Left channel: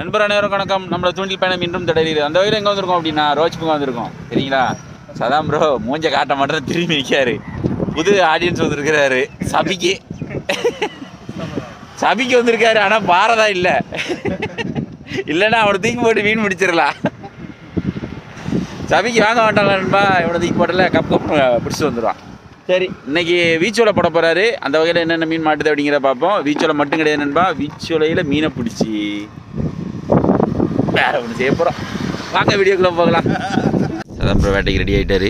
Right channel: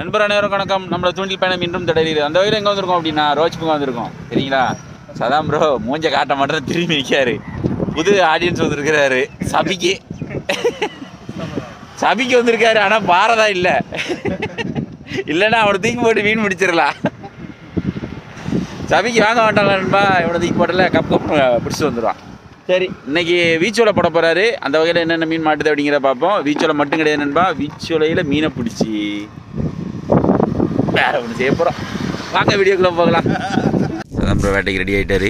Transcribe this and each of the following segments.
நண்பர் அனைவரும் வணக்கம். நம்மள தூண்டில் பயணம் இன்றும் தொடருது. அந்த வகையில் எங்கே வந்திருக்கோம் அப்படின்னா ரோஜ்புக்கு வந்திருக்கோம். சரிங்களா? சதாம் ப்ரோ மூஞ்ச காட்ட மாட்டேன் திரும்பி நிற்காரு. புது ஆடியன்ஸ் வந்திருக்கிறாரு. சபிக்கு வந்திருக்காரு. ஆனால் பாரதா இல்லை. இல்லைன்னா அவனை தூக்கி போட்டு மீன் முடிச்சிடலாம். சபிக்கு வாங்க மாட்டாங்க நண்பா. இவனை தூக்கி போட்டல கப் பிடிச்சிட்டு வந்துடுவான். சரி, இன்னைக்கு வீச்சோலை போட போகிறாரு. அந்த வகையில் என்னென்ன மீன் மாட்டுது அப்படிங்கிறத பார்ப்போம். வீச்சோலை மட்டும் கிடையாது நண்பா, வீச்சோலையில் மீனை பிடிச்சி வேற ஒன்று செய்ய போகிறோம். வாங்க வீடியோக்குள்ளே போகலாம். அதான் ப்ரோ வேட்டைக்கு ரெடி ஆகிட்டாரு.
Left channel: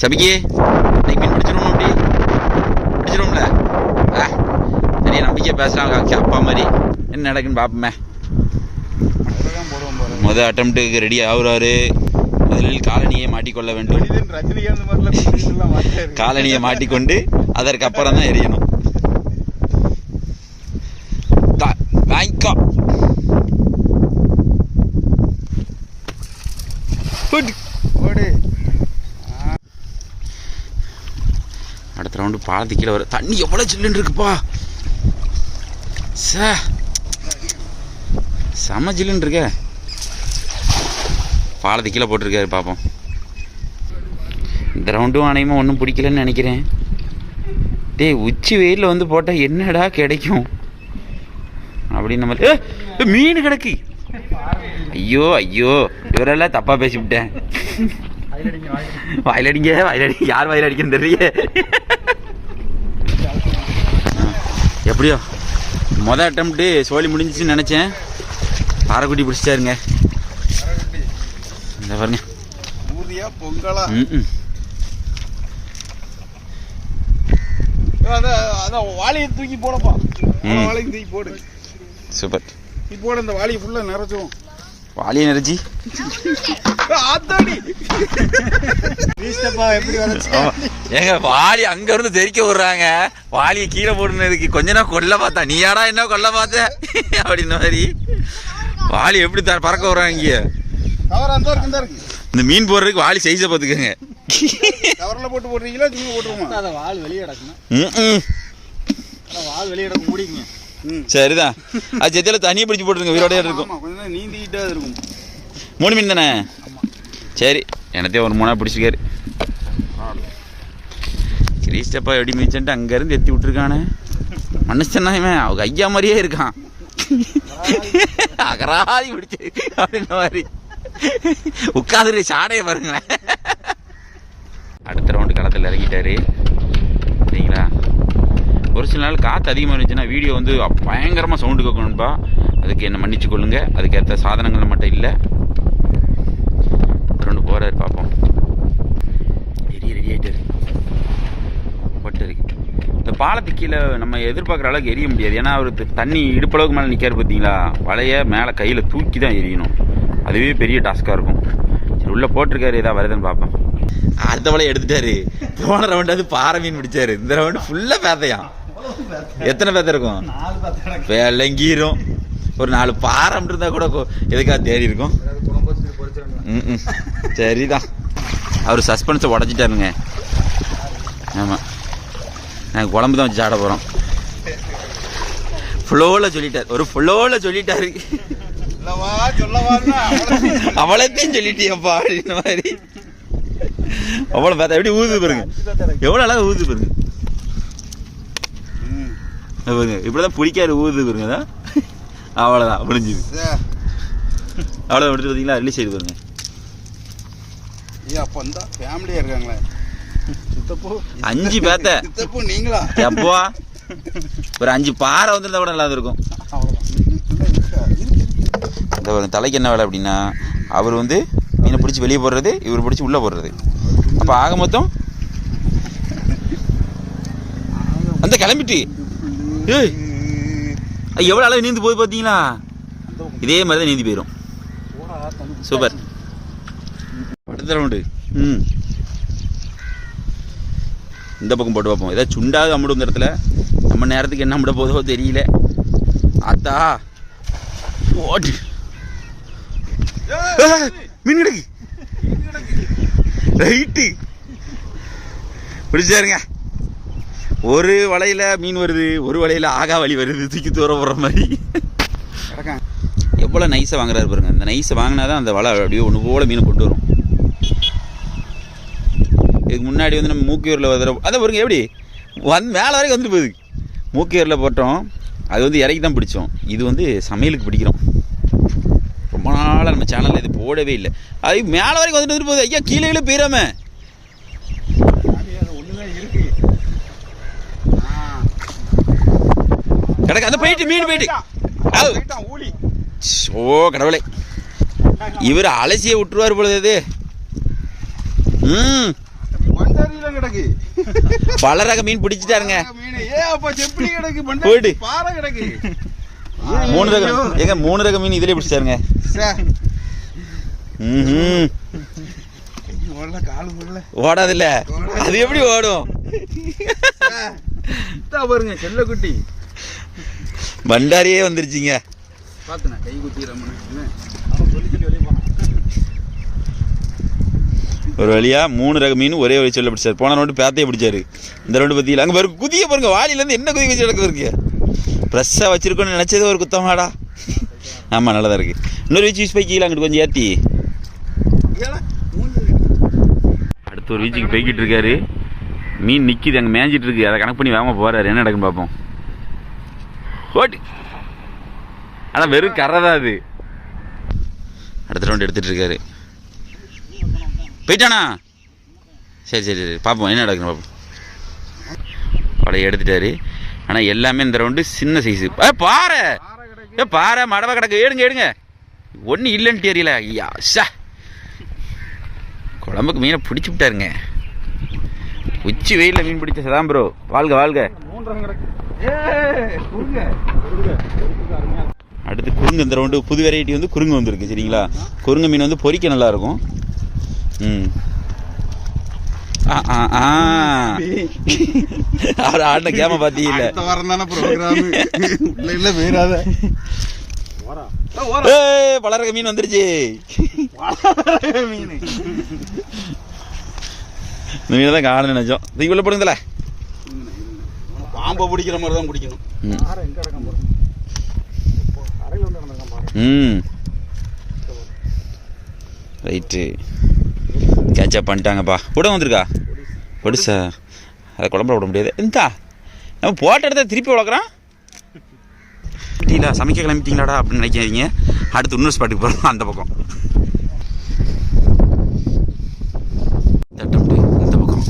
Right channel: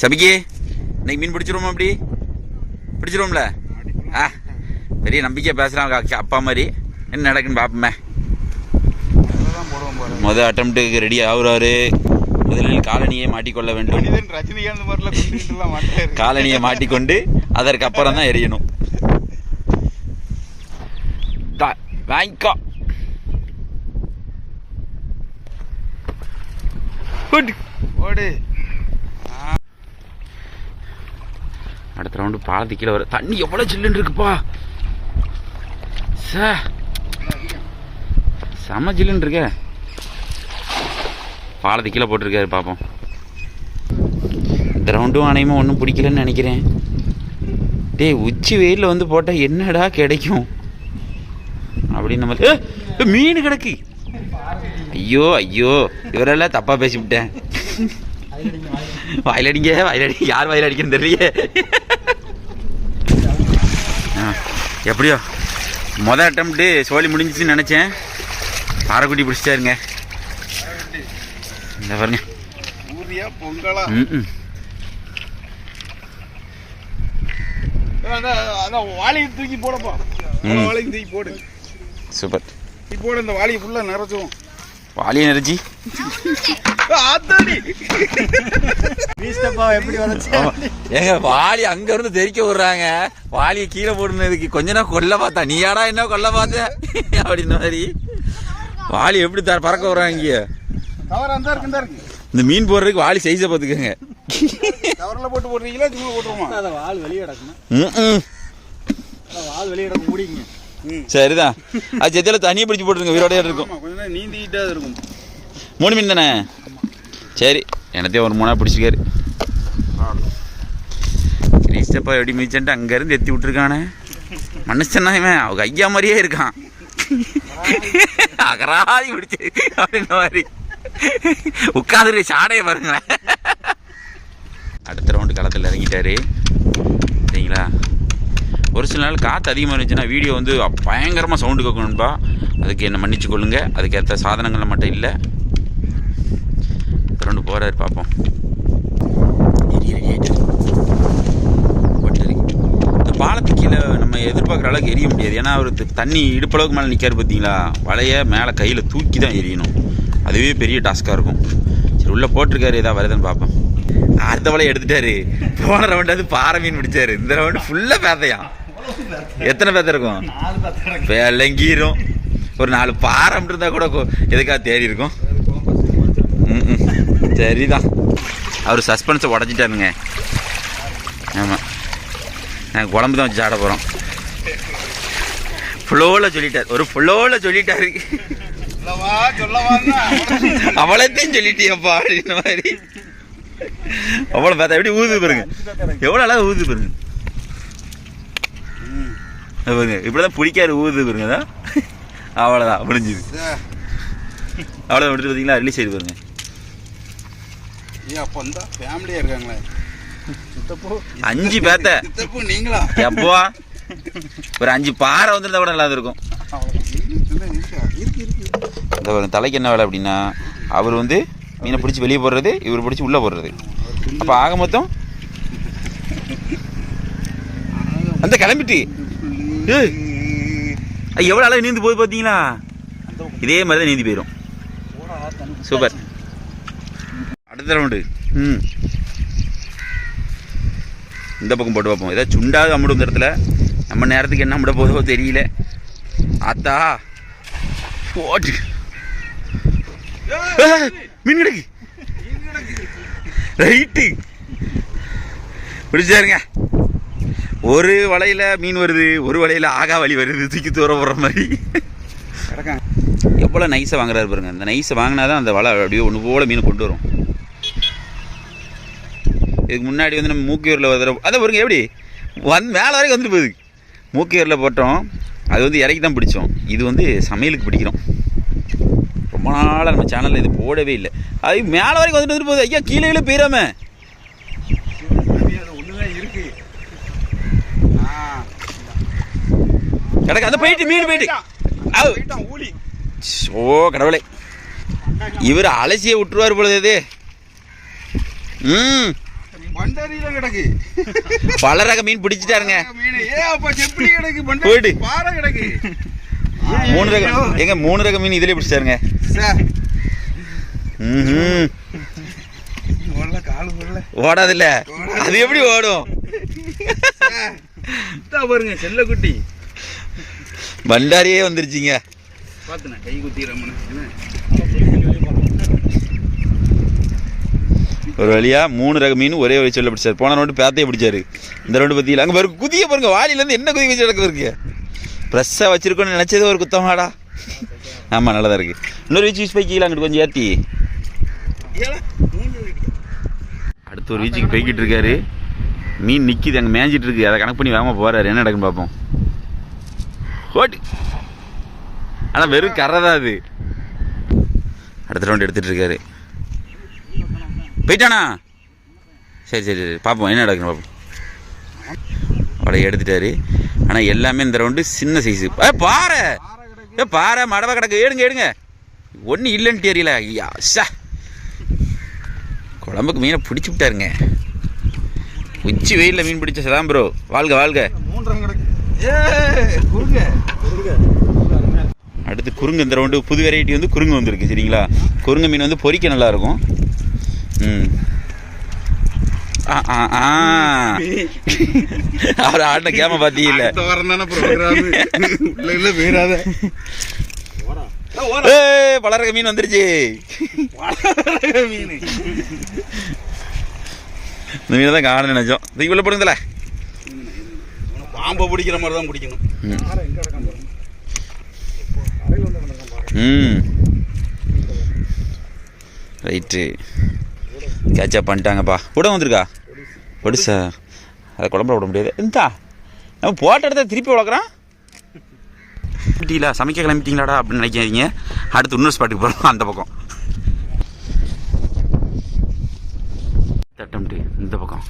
சபிக்கு இன்னைக்கு மீன் பிடிச்சிருவோம். அப்படி பிடிச்சிருவோம்ல? நிறைய நம்பிக்கையாக பேசுகிறாங்க அப்பா மாதிரி. என்ன நடக்குன்னு பார்ப்போமே. மொதல் அட்டம்ப்ட்டுக்கு ரெடி ஆகுறாரு. முதலில் காலனியை மாட்டிக்கொள்ள வேண்டும். காலனியை மாட்டிக்கொண்டு அதற்கு அப்புறம் தான் எரியணும். வாங்கிக்கோ. அடுத்த ரவுண்டு பாலத்து கீழே வர. தண்ணி எவ்வளோ சில்லுன்னு இருக்குப்பா. செம ஜில்லுன்னு இருக்க. பாலத்து கீழே போட்டிருக்காரு. பார்ப்போம். இந்த ரவுண்டும் அனையுமா ஒன்றும் பிடிக்கலன்னு நினைக்கிறேன். டேய், உச்சி வெயிலில் வந்து போட்டால் என்னடா கிடைக்கும் அப்படின்னு மாதிரி மீன் கிடக்கு. ஐயோ ஐயோ, இவரெல்லாம் தப்பாக பேசிவிட்டேன். வயலடிங்க வயலடிங்க. யார் வயல் அடிக்கன்னு தெரியல. எப்படியோ மொதல் அட்டம்ப்ட்டு சோழி முடிஞ்சிச்சுன்னு நினச்சேன். பாறைக்குட்டி பிடிச்சிட்டாருங்க. இந்த பாருங்க. தூக்கி போடப்பா. வாழையும் தூக்கி போடு. சூப்பர். இப்போ இந்த வாளியை ஃபுல்லாக நிறைச்சும். வாளியை நிறைச்சி ஏங்க வாளி அங்க இருந்து தெரிக்க விடுறாங்க. வாளியை கீழே போடுனதுக்கு கொஞ்ச நேரம் கொல்ல பார்த்தா. நீ யாரா என்ன கொல்ல பார்த்த அப்படின்ற மாதிரி வாளி எப்படி பறக்க விடுறாங்க. இங்க இந்த மீன் போடுறதுக்கு வாளி சைஸை பார்த்துக்கோங்க. கவர்ல போட்டு போடுறீங்களா சும்மா போட்டுருவோமா? வால் வெளியே கிடக்கணும். வால் வெளியே கிடக்க முடியுங்க. சரிதான். அது செத்தில தனியாக பிடிச்சி போட்டுருங்க. வீரோடையா இருக்கும். கொஞ்சம் நீந்திக்கிட்டே இருக்கும். 3 மீன் தானே? சரி, எனத்தையும் ஒரு 3 பிடிச்சிக்காரு. கிரீஸ்டப்பா எப்படி மிதிச்சுட்டு அங்கேருந்து எத்தி விட்டுருக்கானே. மனுஷன்னா இவன் அவங்க ஐயா மாதிரியே இருக்கான். அகராதி பிடிச்சி அப்படின்ற மாதிரி உட்காந்துரு. சாடையை பாருங்களேன். அடுத்த ரவுண்டு களத்தில் இறங்கிட்டாரு. சரிங்களா? ஒரு சில நாள் காற்று அதிகமாக இருந்துச்சுன்னா வீடியோ வந்து பயங்கரமாக சவுண்டு கேட்கணும்பா. அதுக்கு என்ன மன்னிச்சு கொள்ளுங்க. அதுக்கேற்ற சாதனங்கள் மட்டும் இல்லை. ரெண்டு போகிறாரு. பார்ப்போம். ரெடி ஆகிட்டு இந்த பாலத்துக்கு கீழே நம்ம எதிர்பார்க்குற அளவுக்கு எரிய முடியாது. ஏன்னா அவர் தண்ணி இடுப்பளவுக்கு மேலே நிற்காரு. பார்த்தீங்களா? வலையை மேலே கையில் தூக்கி தான் எரியணும். அதுவே பெரிய டாஸ்காக இருக்கும். சரி, உள்ளே போட்டிருக்காரு. ஏதாவது வருதுன்னு பார்ப்போம். அடுத்த வலையை எடுத்துட்டாரு. போன ரவுண்டு அது பாறை மீன் பிடிச்சாரு. இந்த ரவுண்டு ஃபுல்லாக பேத்தையான். எத்தனை பேத்த இருக்கும்? வெள்ளங்கீரும். ஒரு 4 பாறை இருந்தா கூட எதுக்காக தேடி இருக்கும். சரிதான். அவர் சஸ்பென்ஸை உடச்சிட்டாருங்க. ஆமாம், நாங்கள் குழம்பு தான் வச்சு சாட போகிறோம். ஃப்ளோவில் சொல்லிட்டார். ஒரு ஃப்ளோவில் சொல்லிட்டாரு. அவளத்தையும் சொல்லிட்டியப்பா அப்படின்ற மாதிரி. அவ்வளோ பார்த்தா எப்படி ஊது பாருங்க. எவ்வளோ அழகாக ஊது பாருங்க. பாருங்க, இப்படிதான் பிடிக்காரு. ஊது பாருங்க. தான் அவ்வளோதான் முடிஞ்சுது. அவ்வளோதான் முடிஞ்சு. பார்த்தீங்களா? ரிலீஸ் ஆகிடு பாருங்க. அப்போ இந்த ஃபேமிலியாக இருக்காங்களே 5 பேத்த. நீங்களா? எப்போ ஒரு 5 பாறை வந்துருந்தா கூட நல்லா இருக்கும். இந்த தலைக்கு என்ன வேலை அப்படின்னா, அவர் வந்து மீனை பிடிச்சி வெளியே போடுறது, இவர் பிடிச்சி உள்ளே போடுறது. அப்போ ஆக மொத்தம் அந்த கிளம்பிட்டு எவ்வளோ அளவு நீந்து போகுது பார்த்தீங்களா? இதே மாதிரி தான் நீந்தி போயிடும். சூப்பர். அடுத்த ரவுண்டு இந்த பக்கம் போட்டு பார்ப்போம். ஏதாவது சுண்டாவது அம்முடும். இந்த இடத்துல நம்ம நேரத்துக்கு என்ன அம்முட போதோ தெரியல. ஆத்தா போட்டு மீன் கிடக்கு. ரைட்டு பிடிச்சாருங்க. ஒரு வலையில் மீன் வருது, ஒரு வலையில் ஆகா வலி வருது. தூக்கி தூர போடுற மாதிரி. எவ்வளோ நைஸாக வாங்குறாரு பாருங்க. இந்த நைஸை வாங்கினா தான் அந்த வலை அப்படியே ஒன்று போல் மீன் கொண்டு வரும். இதுக்கு முன்னாடி வந்து நம்ம மூக்கியூரில் அதை பாருங்க எப்படி மேலே வரைக்கும் வந்துட்டு போகுது. மூக்கியூரில் போட்டோம், அது வந்து இறக்கி தான் பிடிச்சோம். இது வந்து சமையலுக்கு பிடிக்கிறோம். ரொம்ப நாளாக நம்ம சேனலில் இது போடவே இல்லை. அது மேலே வரைக்கும் வந்துட்டு போகுது. ஐயா கீழே போயிடாம கிடக்கு. அந்த போயிட்டு மீன் போயிட்டு ஓ கடவுளே, இவர் அலசியை விட்டுருவார் பொழுது இது. பல ரக மீன் பிடிச்சிட்டாருங்க. போயிட்டு 3 ரகம் எங்க 3 ரக மீன் இதுலயே பிடிச்சாருங்க. ஓடாது இல்ல, அது எப்படி ஓடும் பாருங்க. செல்ல குட்டி பண்டாரியே வந்துருச்சுங்க. கை குத்தி ஒரு வழியா 3 ரக மீன் ஒரே வழி சொல்ல பிடிச்சாரு. போன ரவுண்டு பேத்தையை பிடிச்சாரு. இந்த ரவுண்டு பத்தியில் அங்கே பாருங்க குதிய பாருங்க. வாளியிலேருந்து என்ன குதி வச்சு நடக்குது இருக்கு. ஃப்ரெஷ்ஷாக வச்சிருக்கோன்னு நினச்சது ஒரு குத்தமாடா. ஆமாம் நல்லதாக இருக்கு. இன்னொரு வீச்சு யூஸ் பைக்கிங்களா அங்கிட்டு கொஞ்சம் ஏற்றி அடுத்த ஒரு வீச்சுக்கு போய்கிட்டு இருக்காரு. மீன் நிற்கிது அங்கே மேய்ஞ்சிட்டு இருக்கு. அதை கணக்கு பண்ணி வேகமாக போகிறாரு. என்ன நடக்குன்னு பார்ப்போம். ஓட்டு ஆனால் வெறும் கரை தான் அது. அடுத்த ரவுண்டு எடுத்துகிட்டு இருக்காரு. போயிட்டானா? சரி சரி சரி பார்ப்போம் என்ன நடக்குன்னு பார்ப்போம். அவளை எடுத்துட்டாரு. ஆனால் எல்லாமே இந்த ரவுண்டு சின்ன சைஸு. பாறை பாறை மடவை கிடக்கு. எடுங்க எடுங்க. ஒன்றும் இல்லைன்னு தெரியல. ஐயா ஷா குழம்புக்கு மீனை பிடிச்சி விட்டாருங்க. உச்சி வெயிலில் மீன் பிடிச்ச சதான் ப்ரோ. வாழ்க வாழ்க. அடுத்து குறுங்கு. இந்த ரவுண்டு புது வெரைட்டி வந்து குறுங்கு வந்துருக்கு. சரிங்களா, குறுங்கு மீன் வந்து பொரிக்க நல்லாயிருக்கும். அவர் ஆடின கேம பாத்தீங்கல்ல. பலரக மீன் வந்துருச்சு. இந்த மீனை தான் காண நினைச்சோம். தூக்கி உள்ள போடுங்கல. பாம்பை பிடிக்கிற மாதிரி தான் பிடிக்கணும். ரைட்டு கேட்சப் பண்ணிட்டாங்கப்பா. கூட வந்துருக்கா பொடிசா. அதை குழம்புல விட முடியாது. இந்தா நம்ம போட்ட இடத்த திருப்பி வளர்க்குறான். கிளம்பிட்டீங்களா, சமைக்க கிளம்பிட்டீங்களாடா அப்படின்னு நினைக்காதீங்க. அடுத்து இன்னொரு ஸ்பாட்டுக்கு போகிறோம். அந்த பக்கம் தட்டம்ட்டு இந்த பக்கம்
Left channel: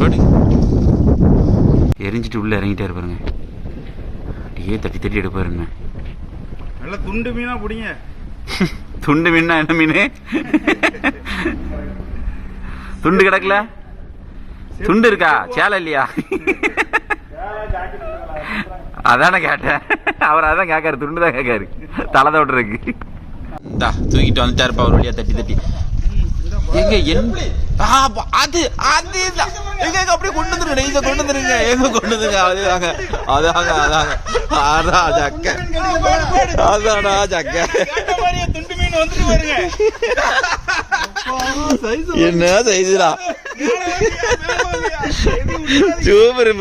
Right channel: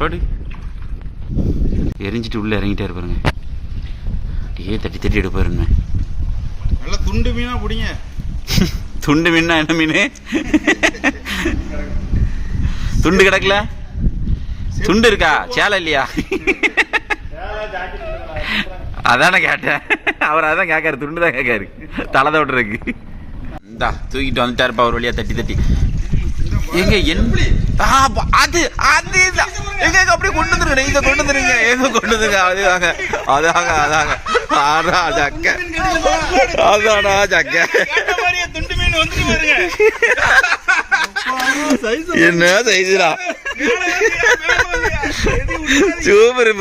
போடு. எரிஞ்சிட்டு உள்ளே இறங்கிட்டே இருப்பாருங்க. அப்படியே தட்டி தட்டி எடுப்பாருங்க. நல்லா துண்டு மீனா பிடிங்க. துண்டு மீனா என்ன மீன்? துண்டு கிடக்கல. துண்டு இருக்கா? சேலை இல்லையா? அதானே கேட்டேன். அவர் அதான் கேட்காரு. துண்டு தான் கேட்காரு. தலை தோட்டுறதுக்கு. இந்தா தூக்கிட்டு வந்துட்டாருப்பா ஒரு வழியா தட்டி தட்டி. எங்க அது அது எங்க அப்படியே கொண்டு வந்துருங்க. இங்க கொண்டு வந்துருங்க. எங்க கொண்டு வந்துருங்க. அதுதாங்க அதாங்க அதாங்க ஆடா ஜக்க. அதாடா ஜக்க. என்ன சைஸ்டா. சூப்பர்.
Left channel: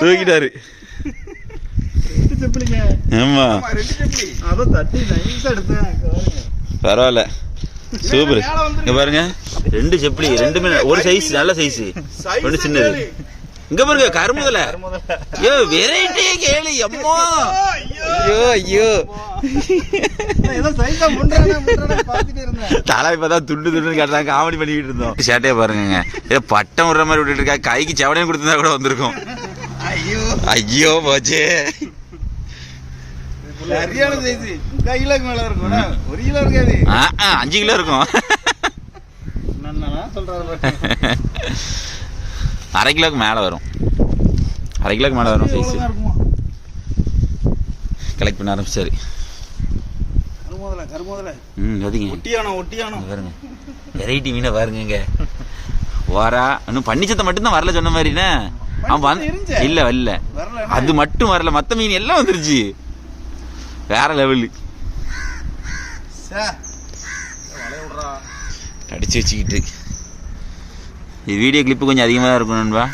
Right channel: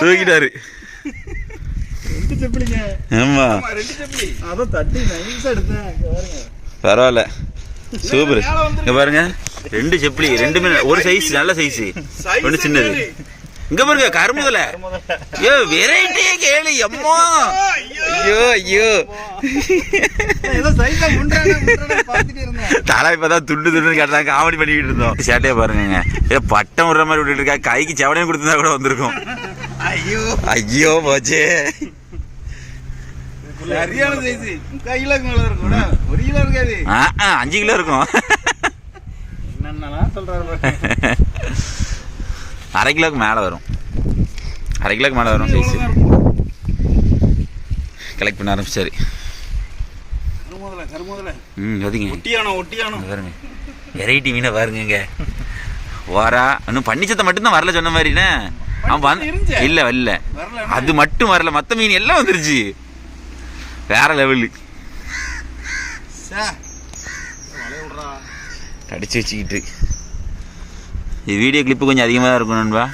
தூக்கிட்டாரு. ஆமா பரவாயில்ல. சூப்பர். இங்க பாருங்க 2 செப்பலி. 2 மீன் ஒரு சைஸ் நல்ல சைஸ். ஒன்று சின்னது. இங்க பாருங்க கருமுதல. ஐயோ வெரைட்டியே கேளு. அம்மா ஐயோ ஐயோ தலை இப்பதான் துண்டு துண்டு கேட்டாங்க. காமெடி பண்ணிக்கிட்டு இருந்தோம். சேட்டையா பாருங்க. ஏதோ பட்டம் விடுற மாதிரி விட்டுட்டு இருக்கா. கைக்கு செவனையும் கொடுத்துருந்தா கூட வந்திருக்கும். ஐயோ போச்சே. 5 கிலோ இருக்கும். 1/2 கிலோக்கு மேலே வரும். 1/2 கிலோக்கு மேலே வரும் சைஸ். கலெக்ட் பண்ண ஆரம்பிச்சாரு. பாருங்க வெரைட்டி மீனை பாருங்க. வாரா இன்னும் பன்னிச்சத்தை மட்டும்தான் வரல சொன்ன மாதிரிண்ணே. அவன் இல்ல வரல. அது மட்டும் வரல. மற்ற மீன் எல்லாம் வந்துருச்சு. வேற லெவலு. கடிச்சு வச்சுக்கிட்டு இது வீடியோ கிளிப்பு கொஞ்சம் அதிகமாக தான் இருக்கும் நண்பா.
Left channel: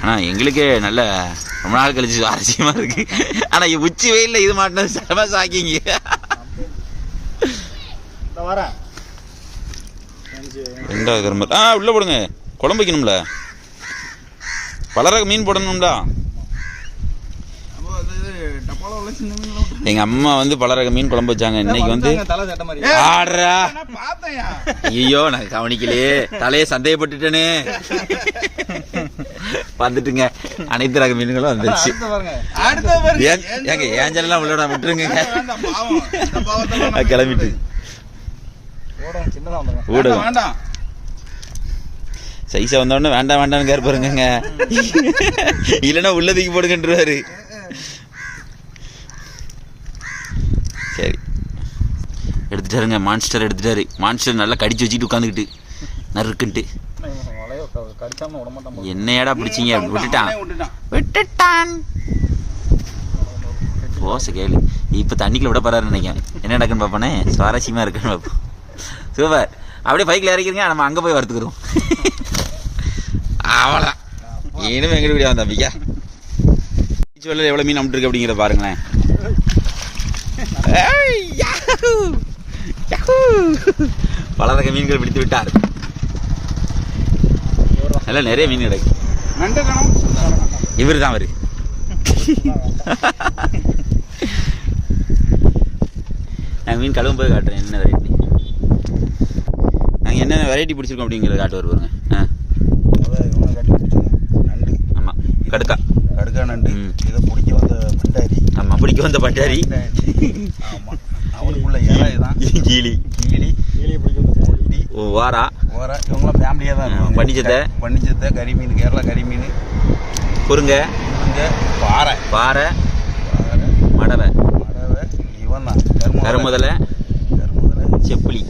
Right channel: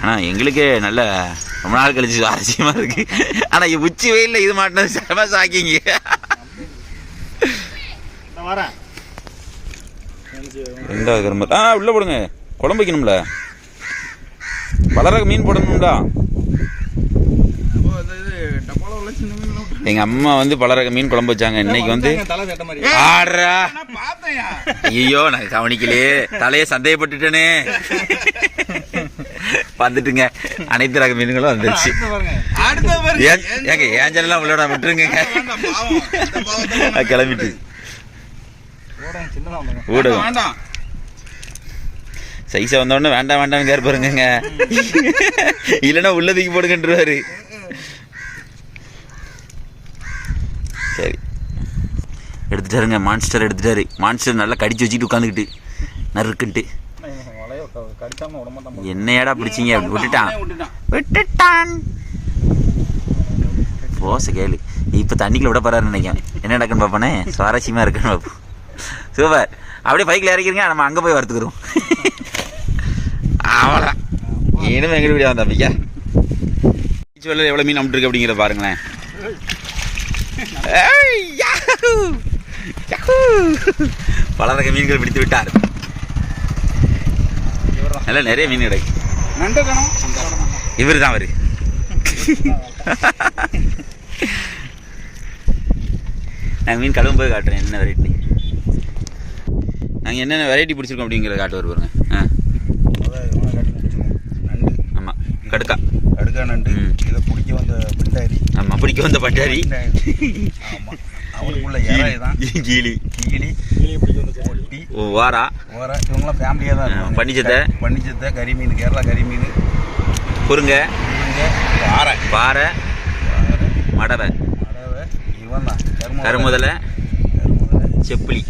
ஆனால் எங்களுக்கே நல்ல ரொம்ப நாள் கழிச்சு சுவாரஸ்யமா இருக்கு. ஆனா உச்சி வெயில்ல இது மாட்டினது செம சாக்கிங்க. வரேன் ரெண்டாவது கரும்பு உள்ள போடுங்க. குழம்பு வைக்கணும்ல, பலரக மீன் போடணும்டா. எங்க அம்மா வந்து பலரக மீன் குழம்பு வச்சாங்க. இன்னைக்கு வந்து ஆடுறா. ஐயோ நான் கவனிக்கலையே, தலையை சந்தேகப்பட்டுட்டேனே. வந்துட்டுங்க அனைத்து ரக மீன்களும் வந்துருச்சு. ஏங்க ஏஞ்சல்லாம் உள்ளடா விட்டுருங்க. கிளம்பிட்டு ஊடகம் சைஸா வந்தோடனே வேண்டாம் வேண்டாம்னு கேர் பாருங்க. இல்லைன்னா உள்ளதுக்கு போடுங்கன்றாரு. சரி எடுத்துட்டாருங்க. மான்ஸ்டர் எடுத்துட்டாரு. மான்ஸ்டர் நல்லா கடிச்சு வச்சுக்கிட்டு உட்காந்துக்கிட்டு நறுக்குன்ட்டு. என்னையாடா பிடிச்சிங்க? விட்டுட்டான் போச கேளு. இப்போ தண்ணிக்குள்ள விட போறாருன்னு நினைக்கிறேன். என்ன நடக்குன்னு பார்ப்போனே, சுவாரஸ்யமா இருக்குன்னு பார்ப்போம். சூப்பர். அப்படியே பைக்கில் இறக்கிறீங்க, நம்ம அங்கே போய் வறுத்துக்கிறோம். அவ்வளோதான். இனிமே எங்கிட்ட வீடியோ வந்தா பிக்கா பீச் வெள்ள எவ்வளோ மீன் அமுட்டுருக்கு அப்படிங்கிறத பாருங்களேன். பல ரக மீன்கள் பிடித்து விட்டார். நல்லா நிறைய மீன் கிடைக்கு. இவர் தான் அவரு. நாங்கள் மீன் கழுவும் போய் காட்டுறேன் என்ன வெரைட்டி, நாங்கள் என்னென்ன வெரைட்டி பிடிச்சிருக்கோம் அப்படிங்கிறத காட்டுவார் பாருங்க. நண்டு. ஆமாம் கடுக்கா நண்டு. இதை பிடிக்க வந்த பட்டாரி. ஆமாம் பிடிக்க வந்த பட்டாரி. ஆமாம் அவனுக்குள்ள இறை தான். கீழி பொட்டி வாரா இவங்களாம் ஃபேமிலியாக தான் இருக்கும். பன்னிச்சத்தை கறிமீன், கேரளா கறிமீன், குறுங்க, பாறை பாறை மடவை, இவன் தான் கருமுதலை, செப்பிலி.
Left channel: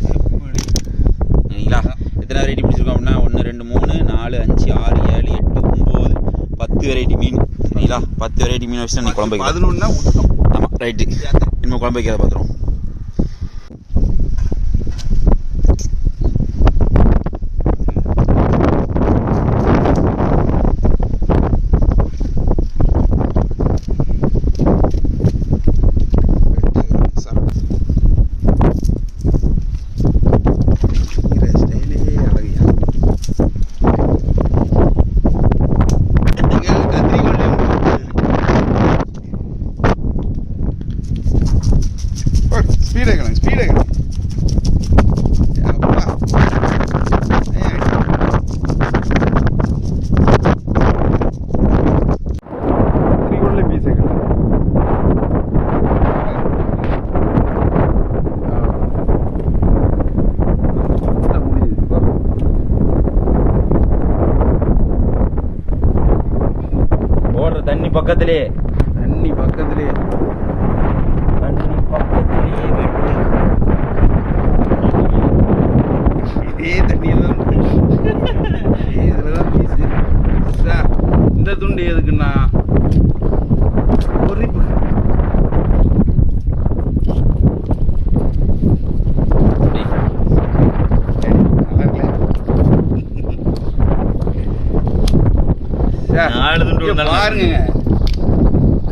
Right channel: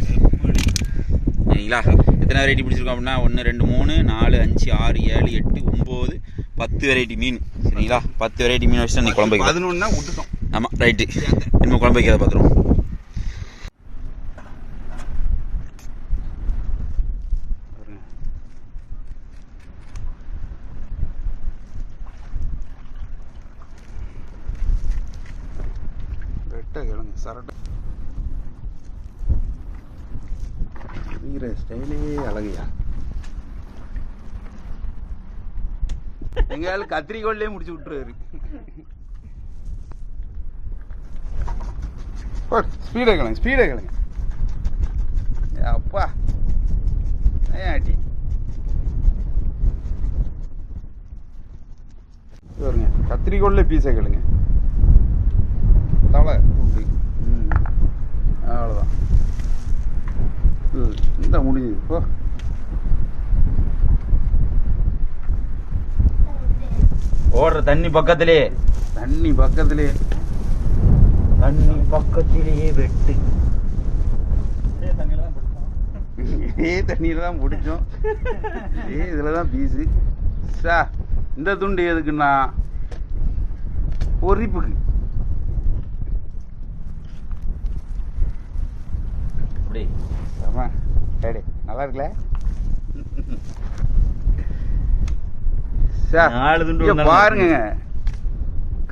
சரிங்களா? எத்தனை வெரைட்டி பிடிச்சிருக்கோம் அப்படின்னா 1 2 3 4 5 6 7 8 9 10 வெரைட்டி மீன். சரிங்களா? 10 வெரைட்டி மீன் வச்சுட்டு நீ குழம்பு வைக்கலாம். 11னா விட்டுட்டோம். ஆமாம் ரைட்டு. இன்னும் குழம்பு வைக்கிறத பார்த்துருவோம். ஸ்பீடாக அப்பா கத்திரிக்கோள்ல பீஸை கிடக்கு. முடிஞ்சது. ஓடுற தண்ணி பக்கத்திலே இதே தண்ணியில் தான் முடிஞ்சோம். இதில் தான் பீஸு. இந்த துண்டு எதுக்குன்னா பொறிப்பு. நல்லா இருக்குல்ல? 4 துண்டு பாருங்க.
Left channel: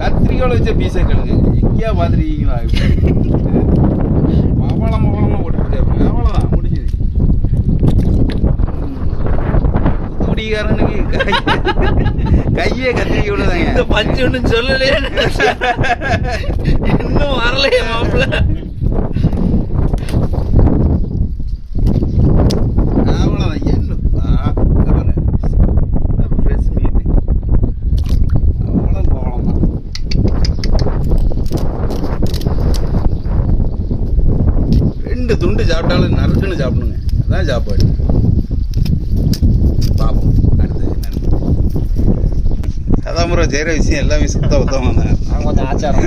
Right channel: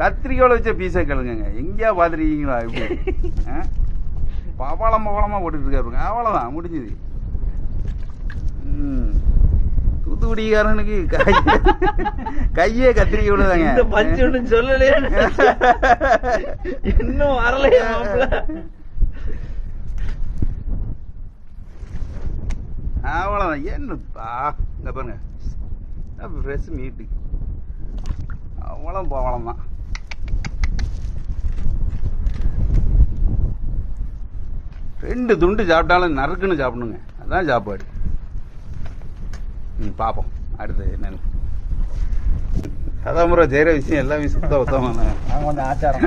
கத்திரிக்கோளை வச்ச பீஸை கழுங்க. எங்கேயா பார்த்துருக்கீங்களா? பவளமாக போட்டுக்கிட்டு இருக்காரு. அவ்வளோதான் முடிஞ்சுது. தூத்துக்குடிக்காரனுக்கு கையே கத்திரிக்கோளை தாங்க. இந்த பஞ்சு ஒன்றும் சொல்லலையே, இன்னும் வரலையே மாப்பிள்ள. அவ்வளோதான். என்ன பாருங்க, ஃப்ரெஷ் மீட்டு. அவ்வளோ பவளம் தான். ரெண்டு துண்டு சாப்பிட்டாலும் நறுக்குன்னு சாப்பிடுங்க. அதான் சாப்பாடு. பார்ப்போம் அடுத்து என்னன்னு. சதாமுறை செய்கிற விஷயம் எல்லாமே சுத்தமாக கொஞ்சம் ஆச்சாரம்.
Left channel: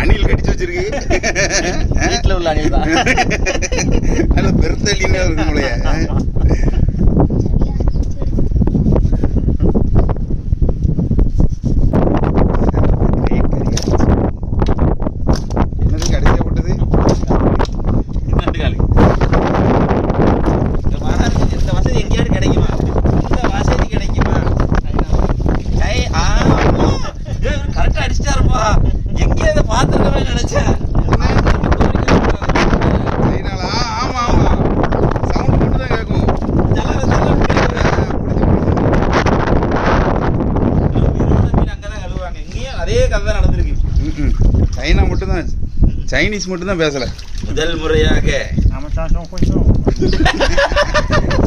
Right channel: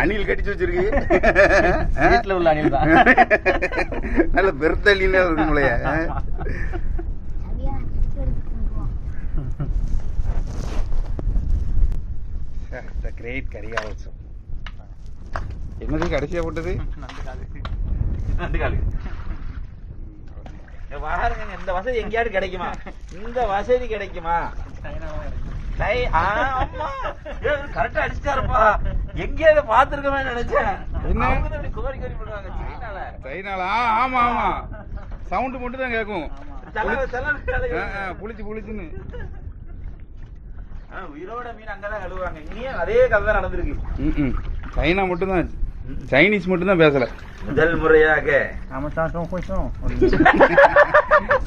அணில் கடிச்சு வச்சிருக்கு. வீட்டில் உள்ள அணில் தான். நல்ல பெருத்தள்ளின்னு இருக்கு முளைய. என்னது கடைசியா போட்டது? இந்த வசதி எங்கேயாவது கிடைக்குமா? இந்த வசதி கிடைக்குமா? கரெக்டா அடிச்சிட்டாருப்பா. எங்கேயோ இதை பார்த்துருக்கவே நினைச்சேன். கைனாலா? ஆமா ஆமா, சவுண்ட் மட்டும் தான் கேட்கும். உயிரோட மீன் அங்கதான் கழுவுவாங்க. இங்கேயும் அதே கதை தான் நடந்திருக்கு. சைனா மட்டும்தான், சைனீஸ் மட்டும்தான் பேசல. முதல் முறையாக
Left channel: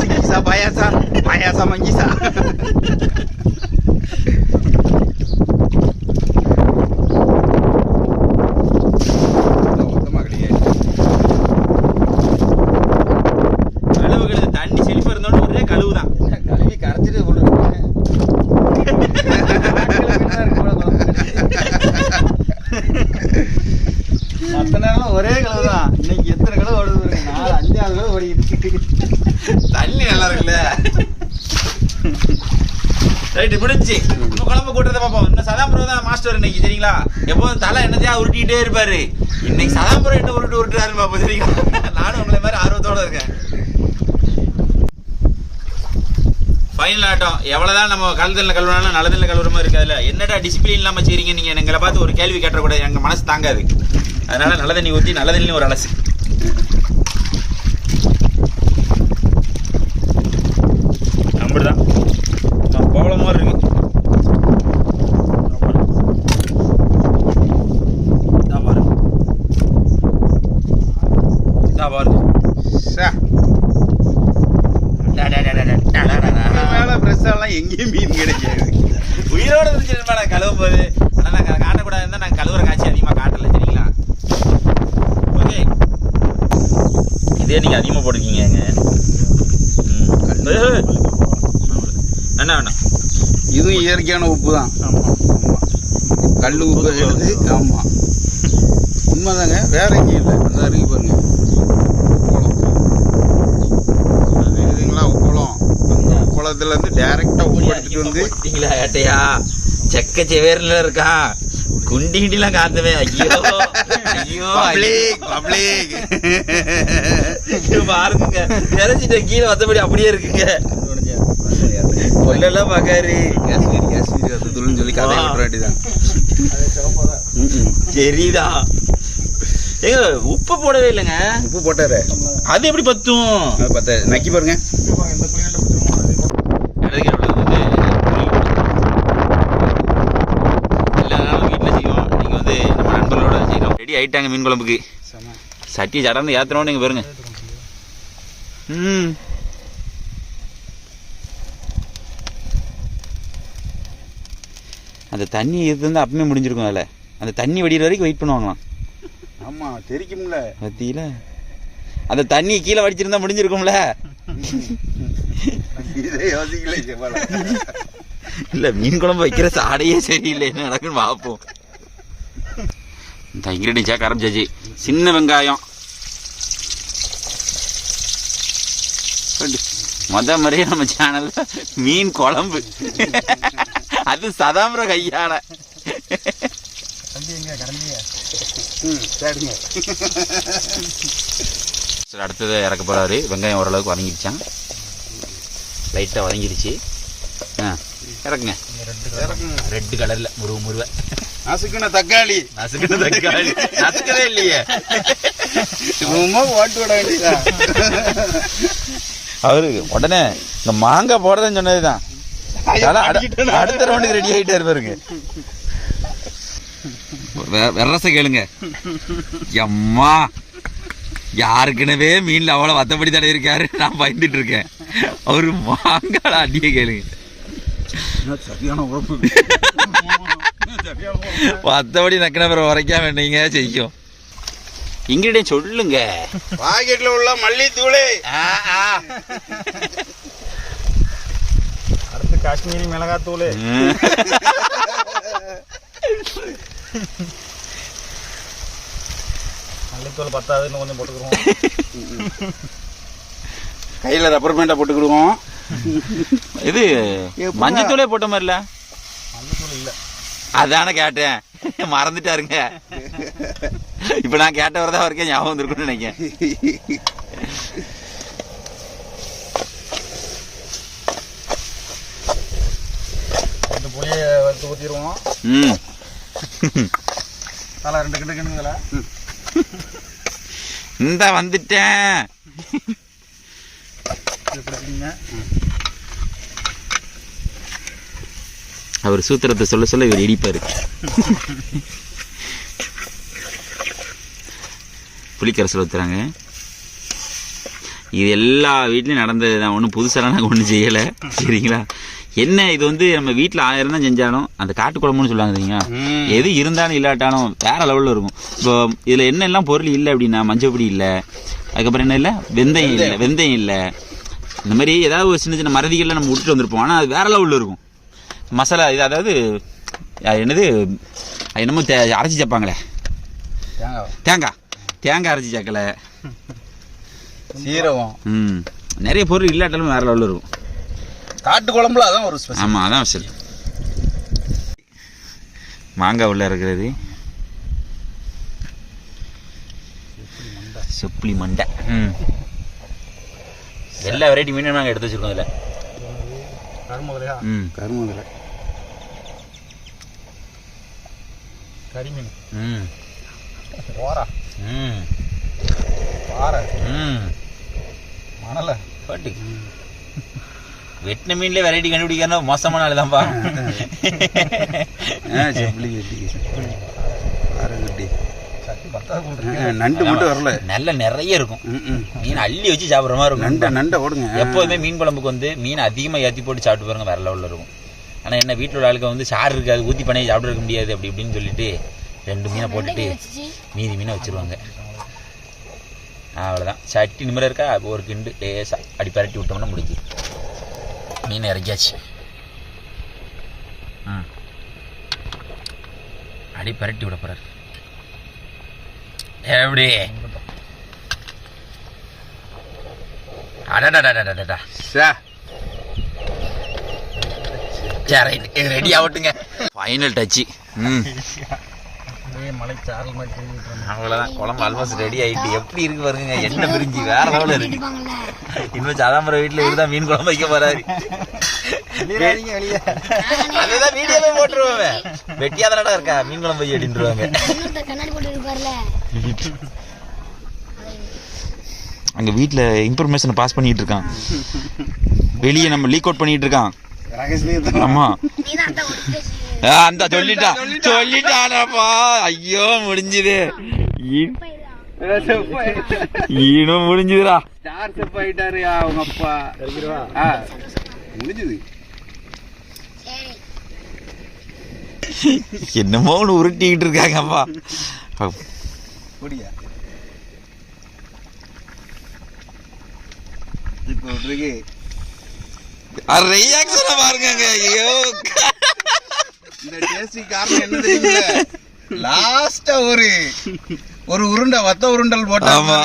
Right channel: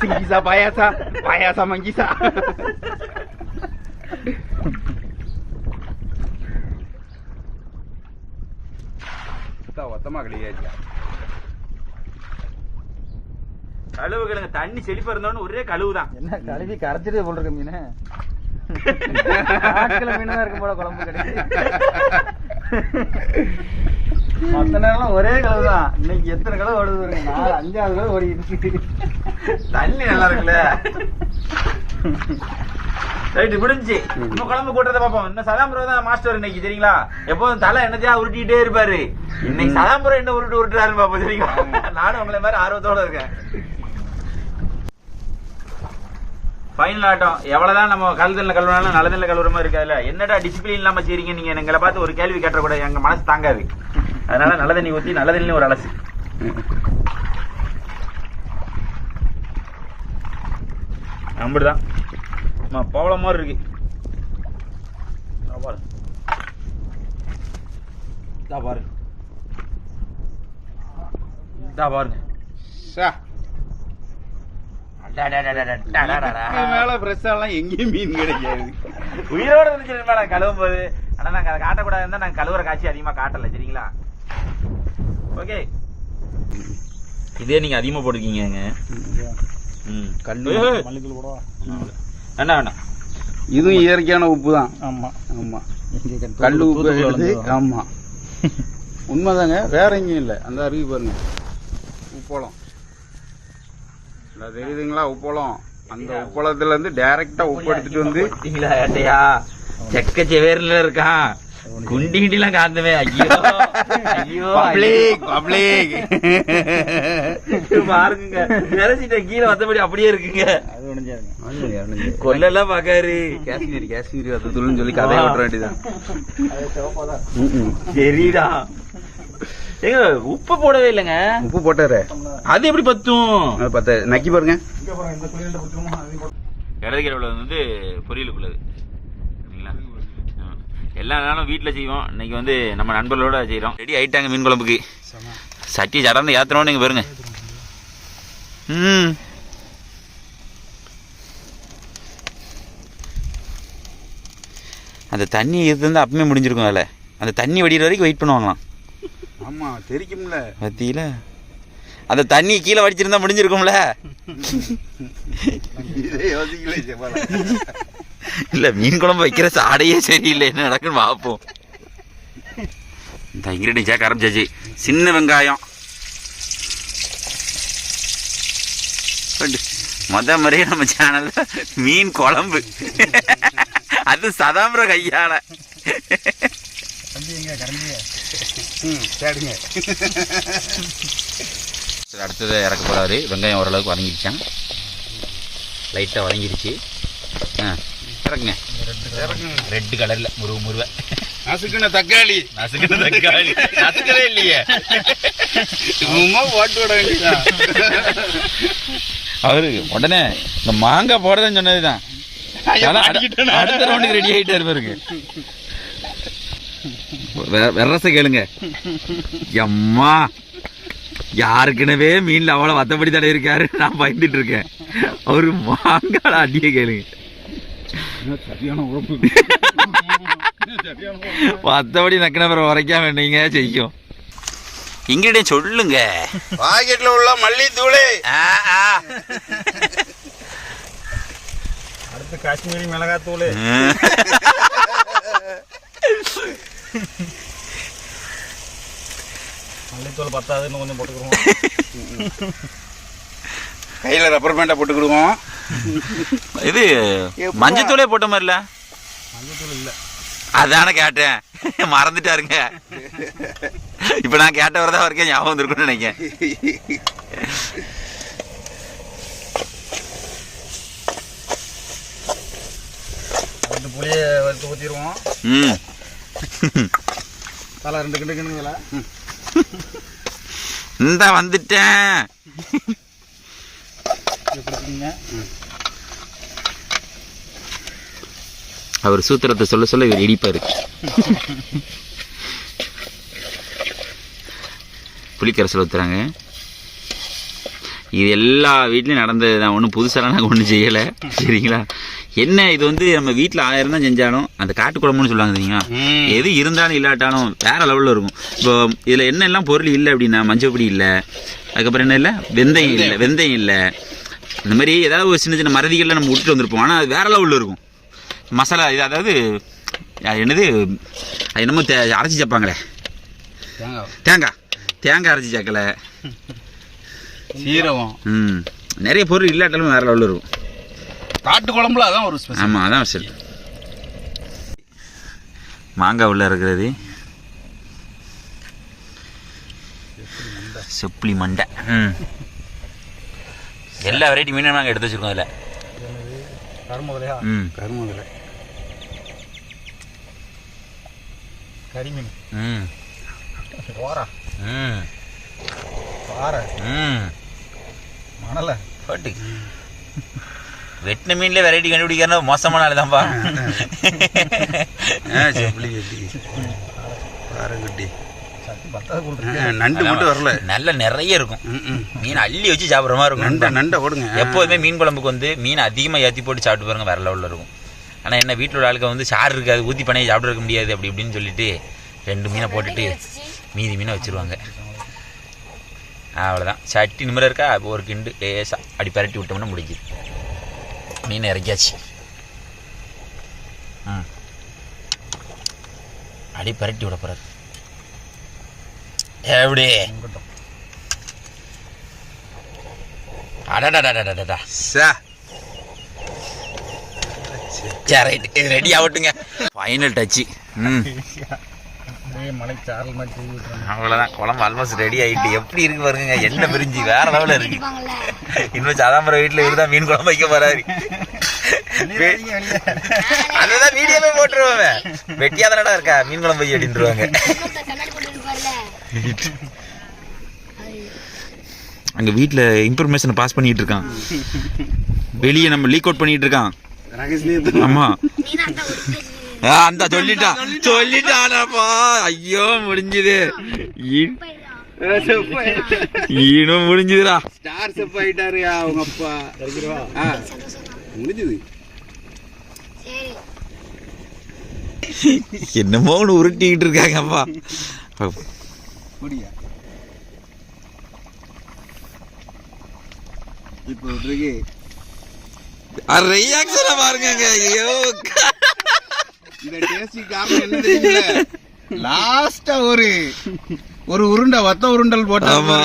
சிங்கிசா பாயாசா பாயாசா மங்கிசா. மொத்தமா கிடையாது. கழுவுகிறது தண்ணி செழிப்பா இருந்தோட ஒரே கழுவு தான். கழுவி கரைச்சிட்டு கொண்டிருக்கேன். மற்ற நேரம் ஒரே கழுவு தான். இன்னைக்கு எத்தனை கழுவு ஓடுது? 4-5 கழுவு ஓடிட்டு. தண்ணி நல்லா இருக்குல்ல. ரைட்டு முடிஞ்சு இன்னும் குழம்பு கூட்டுறதை பார்ப்போம். இன்னும் சதாம்பரம் தான் மாஸ்டர் இன்னைக்கு, சரிங்களா? எப்போதும் தலை என்னத்தையா உருட்டிக்கிட்டே இருப்பாரு. இன்னைக்கு சதாம்பரம் என்ன உருட்டுறாருன்னு பார்ப்போம், சரிங்களா? நானும் உங்களை மாதிரி ஆர்வத்தோட இருக்கேன். ஃபைனல் ஆட்டம். எவ்வளோதான் நம்ம கழுதல்ல கழுவினாலும் நல்லதில்ல கழுவுற மாதிரி இருக்காதுல்ல. என்னடா டிசிப்ளின் இல்லாமல் செய்றீங்க நீங்கள்? எங்களை பார்த்து ஒரு கேள்வி கேட்டக்கூடாது, எங்கள் மனசு தாங்காது. அதனால நல்ல தண்ணி ஊற்றி நல்ல தண்ணியும் ஒரு அலசு. அப்படிதான் போல மாதிரி இருக்கு. பாருங்க மேல ஃப்ரெஷ்ஷாலாம் எங்கேயும் மீன் கிடைக்காது. உயிரோட இருந்துச்சு நான் கழுவும் போது. ஆனால் நாங்கள் காட்டக்கூடாதுன்னு தான் நாங்கள் கழுவுற காட்சி அதிகமாக காட்டலை, சரிங்களா? ஓகே, இதே நீங்கள் அதிகமாக போட்டிருக்கீங்க. என்ன வேணா, இதுவும் இயற்கையான உப்பு தான். ஆமாம் ஆமாம், கல் உப்பு எடுத்து. ஆமாம், உண்மைதாங்க, வேற எங்கேயும் இல்லை. அந்த அருகே பாருங்க உப்பளம். அது இதுங்களா உப்பளம். அந்த உப்பளத்துலேருந்து டைரெக்டாக உப்பு எடுத்துகிட்டு வந்து ஏட்டையா செக்க செவேரில் இருக்கான். குண்டி கிண்டிலாம் காத்துவே. ஐயோ ஐயோ, பப்ளிக் பப்ளிக் பாருங்க, நினைச்சிட்ட கீழே மற்றபடி அப்படியே இருக்குங்க. கொல்லெல்லாம் பார்க்காரு. காஷ்மீரி காஷ்மீரி வத்தத்துள்னு சொல்லி கதையை விட்டுற வேண்டியதான். சரிதா. ஏங்க உப்பு போடவே இல்லைங்க. உப்பு போட்டாரு, அது எப்படி பத்தும்? அது பத்த நக்கி பாருங்க. இடதுக்கீரை வந்து எல்லா நாளும் வீட்டில் செய்வோம். இன்னைக்கு வந்து நம்ம நண்பர்களோட செய்கிறோம். ரெடி ஆகிட்டாங்க மீன் குழம்புக்கு. சட்டி சடர்ந்து ஏற்றுறோம். நீங்கள் பாருங்க. அந்த தண்ணி இருந்தால் அப்பவுமே முடிஞ்சிருக்கும் வேலை. அந்த தண்ணி வடிகிற வரைக்கும் வெயிட் பண்ணுவாங்களாம். ஆமாம், தெரிக்கும்ல பத்தியில அந்த தண்ணி கீழே வடிச்சிருந்தா முடிஞ்சிருக்கும்ல. இல்லை, மீன் குழம்பு வைக்கிற சாடையே சரியில்லை. என்ன நடக்குன்னு பார்ப்போம். இந்த இன்க்ரீடியன்ட் சேர்க்க ஆரம்பிச்சாச்சு. சின்ன வெங்காயம் முறையே நம்ம சேனல்ல மீன் குழம்பு, அது சதாம்பர கையால. அடுத்தது இறக்க போறாரு. வெங்காயம் ஓரளவுக்கு வதங்கிடுச்சான், லைட்டாக வதங்கிடுச்சு. இறக்குங்க. ரெட் கலர்ல முருவ நசுக்குன தக்காளி. நசுக்குன தக்காளி நசுக்கவே இல்லையே. ஓட்டு விட வேண்டியதான். அவரு உடனே இந்த மாங்காய் போடுறதுன்னு சொன்னதுதான். அடுத்த ரவுண்டுக்கு ரெடி ஆகிட்டே இருப்பாருங்க. வெரச கேளுங்க. எம்மா, யாருக்குனவே மீன்ல அவ்வளவு வத்தப்படி தடை இருக்காரு. நான் பயந்துட்டு இருக்கேன். அவரு மாங்காய் அடியே கேளுங்க. சரியான உழப்பு. வத்தபடி நக்கின பிறகு உரைக்காம வேண்டீங்க செய்யும். இன்கிரிடியன்ட் சொல்லுங்க. பாக்கெட்ல உள்ள மல்லித்தூள், அடுத்து காஷ்மீரி மிளகாத்தூள், மஞ்சத்தூள் பத்தாது, இன்னும் கொஞ்சம் போட்டுக்கிறோம். கையில் ரப்பர் பேண்டை போட்டுக்கிடுவோம். இது மஞ்சத்தூளே போட்ட மாதிரி இல்லை. மஞ்சத்தூள் இல்லை, அதான கேட்டேன், மறந்துட்டாருங்க. இப்ப நான் கேட்ட வரதான் வரைக்கும் ஞாபகம் வந்துருக்குன்னு நினைக்கிறேன். ரெண்டு புளியை வறுத்து ஊற்றிடுவோம். தலை 2 கிண்டு கிண்டுங்களா? இந்த வந்துட்டேன். பிடிச்சிங்க. அவர் சூத்திரத்தை சொல்ல சொல்ல இவர் இடிப்பாரு. புளிக்கரசல் ஊற்றுறாங்க. இது எல்லா வீட்லையும் நடந்தது தான், ஒன்றும் புதுசாக நாங்கள் ஒன்றும் செய்யலை. சரிங்களா? என்ன இது வந்து நம்ம வீட்டில் 1000 தான் செஞ்சாலும் அந்த காட்டு குழம்புன்னு சொல்லுவாங்க தெரியுங்களா, எது இருந்தாலும் இல்லாட்டாலும் வேற லெவலில் இருக்கும். இப்போ இதில் என்னெல்லாம் பொருள் இல்லை அப்படின்னா, மஞ்சள் பொடி இல்லை, அதுக்கப்புறம் என்ன இல்லை, வெந்தயம் இல்லை, இந்த மாதிரி ஏதாவது ஒரு சின்ன சின்ன மறதிகளில் நம்ம விட்டுட்டு வந்திருப்போம். ஆனால் அது வேற லெவலில் இருக்கும் மசாலா. இது அதாவது என்னது, அது என்னமோ அரைச்சி சேர்ப்பாங்களே, தேங்காய் அரைச்சி சேர்க்கலை, சீரகம், நிறைய பொருள் இல்லாட்டாலும் வேற லெவலில் இருக்கும். காட்டு குழம்புல அதான் ஒரு ஸ்பெஷல். ஆமாம், அதான் ஸ்பெஷல். மாங்காய் உள்ள இருக்கிறது செப்புளி மண்டை. எல்லா வெரைட்டி மீனும் நாங்கள் எடுத்து வச்சுருக்கோம் இதில். கருமுதலையா? கருமுதலை, கரிமீன், ஓரா, பாறை, மணலை, பாட்டு வெட்டின மீன்லேயே வெரைட்டி கண்டுபிடிக்கிறனா மோசமான ஆள் தான்ப்பா. நண்டு மட்டும் வரல, நல்ல நிறைய இருக்கும். மீன் அள்ளி வச்சு சாப்பிட்ற மாதிரி இருக்கும். நண்டை ஓடுங்க. எப்போதுமே மீன் குழம்புக்கு வந்து மீன் அதிகமாக ஏற்றி போட்டு சாப்பிட்டு பாருங்க, வேற லெவலில் இருக்கும். ஆனால் என்ன வீட்டில் உள்ள ஆளுக்கு வந்து சாறு இருக்காது, ஊற்றி பண்ணி சாப்பிட இருக்க முடியாது அப்படி இப்படின்னு சொல்லிட்டு 2 மீனை போட்டுட்டு மீதி மீனை வச்சுருவாங்க. அவ்வளோதான். சட்டி நிமிடம் இருக்கா, ஒரு கிண்டு லேசாக அப்படி பரட்டி விட்டோம்னா முடிக்குது. மீனை இறக்கியாச்சு. அடி பரட்டி விட போறாரு. எப்படி அடடா ரெடி ஆகட்டுங்க. Final Dutch. அவ்வளோதான், குழம்பு ஆல்மோஸ்ட் ரெடி ஆகிட்டு. எப்படி இருக்கு பாருங்க, எண்ணெய் பிரிஞ்சு வேற லெவலில் இருக்கு. இன்னும் சாதாம்பரம் வீட்டில் இவருதான் மீன் குழம்பு வைக்க போறாரு. அதுதான் வீடியோவே போட்டுருவேன், வெட்டியாதானடா இருக்கா மீன் குழம்பு வை அப்படின்ட்டுருவாங்க. அங்கே வீட்டில் இன்ஃபர்மேஷனை பாஸ் பண்ணிட்டு இருக்கான், வெளியே நம்ம லீக் அவுட் பண்ணிட்டு இருக்கான். ஆமா, அந்த சொல்லிட்டானப்பா. ஐயோ முடிஞ்சுது, ஈனும் முடிஞ்சுதுடா. ஸ்டார் செப் ஆயிட்டாரு அவங்க அப்பா. முடிஞ்சுது. என்னமோ ஒன்று உருட்டிக்கிட்டு இருக்காங்கப்பா. இப்போ இருக்கு ரியாக்ஷனை பாருங்க. ஐயோ, இந்த டேஸ்டி காரணம் என்ன தெரியுங்க, லாஸ்டா ஒரு உருண்டை வத்த உருண்டல் போட்டா. ஆமா,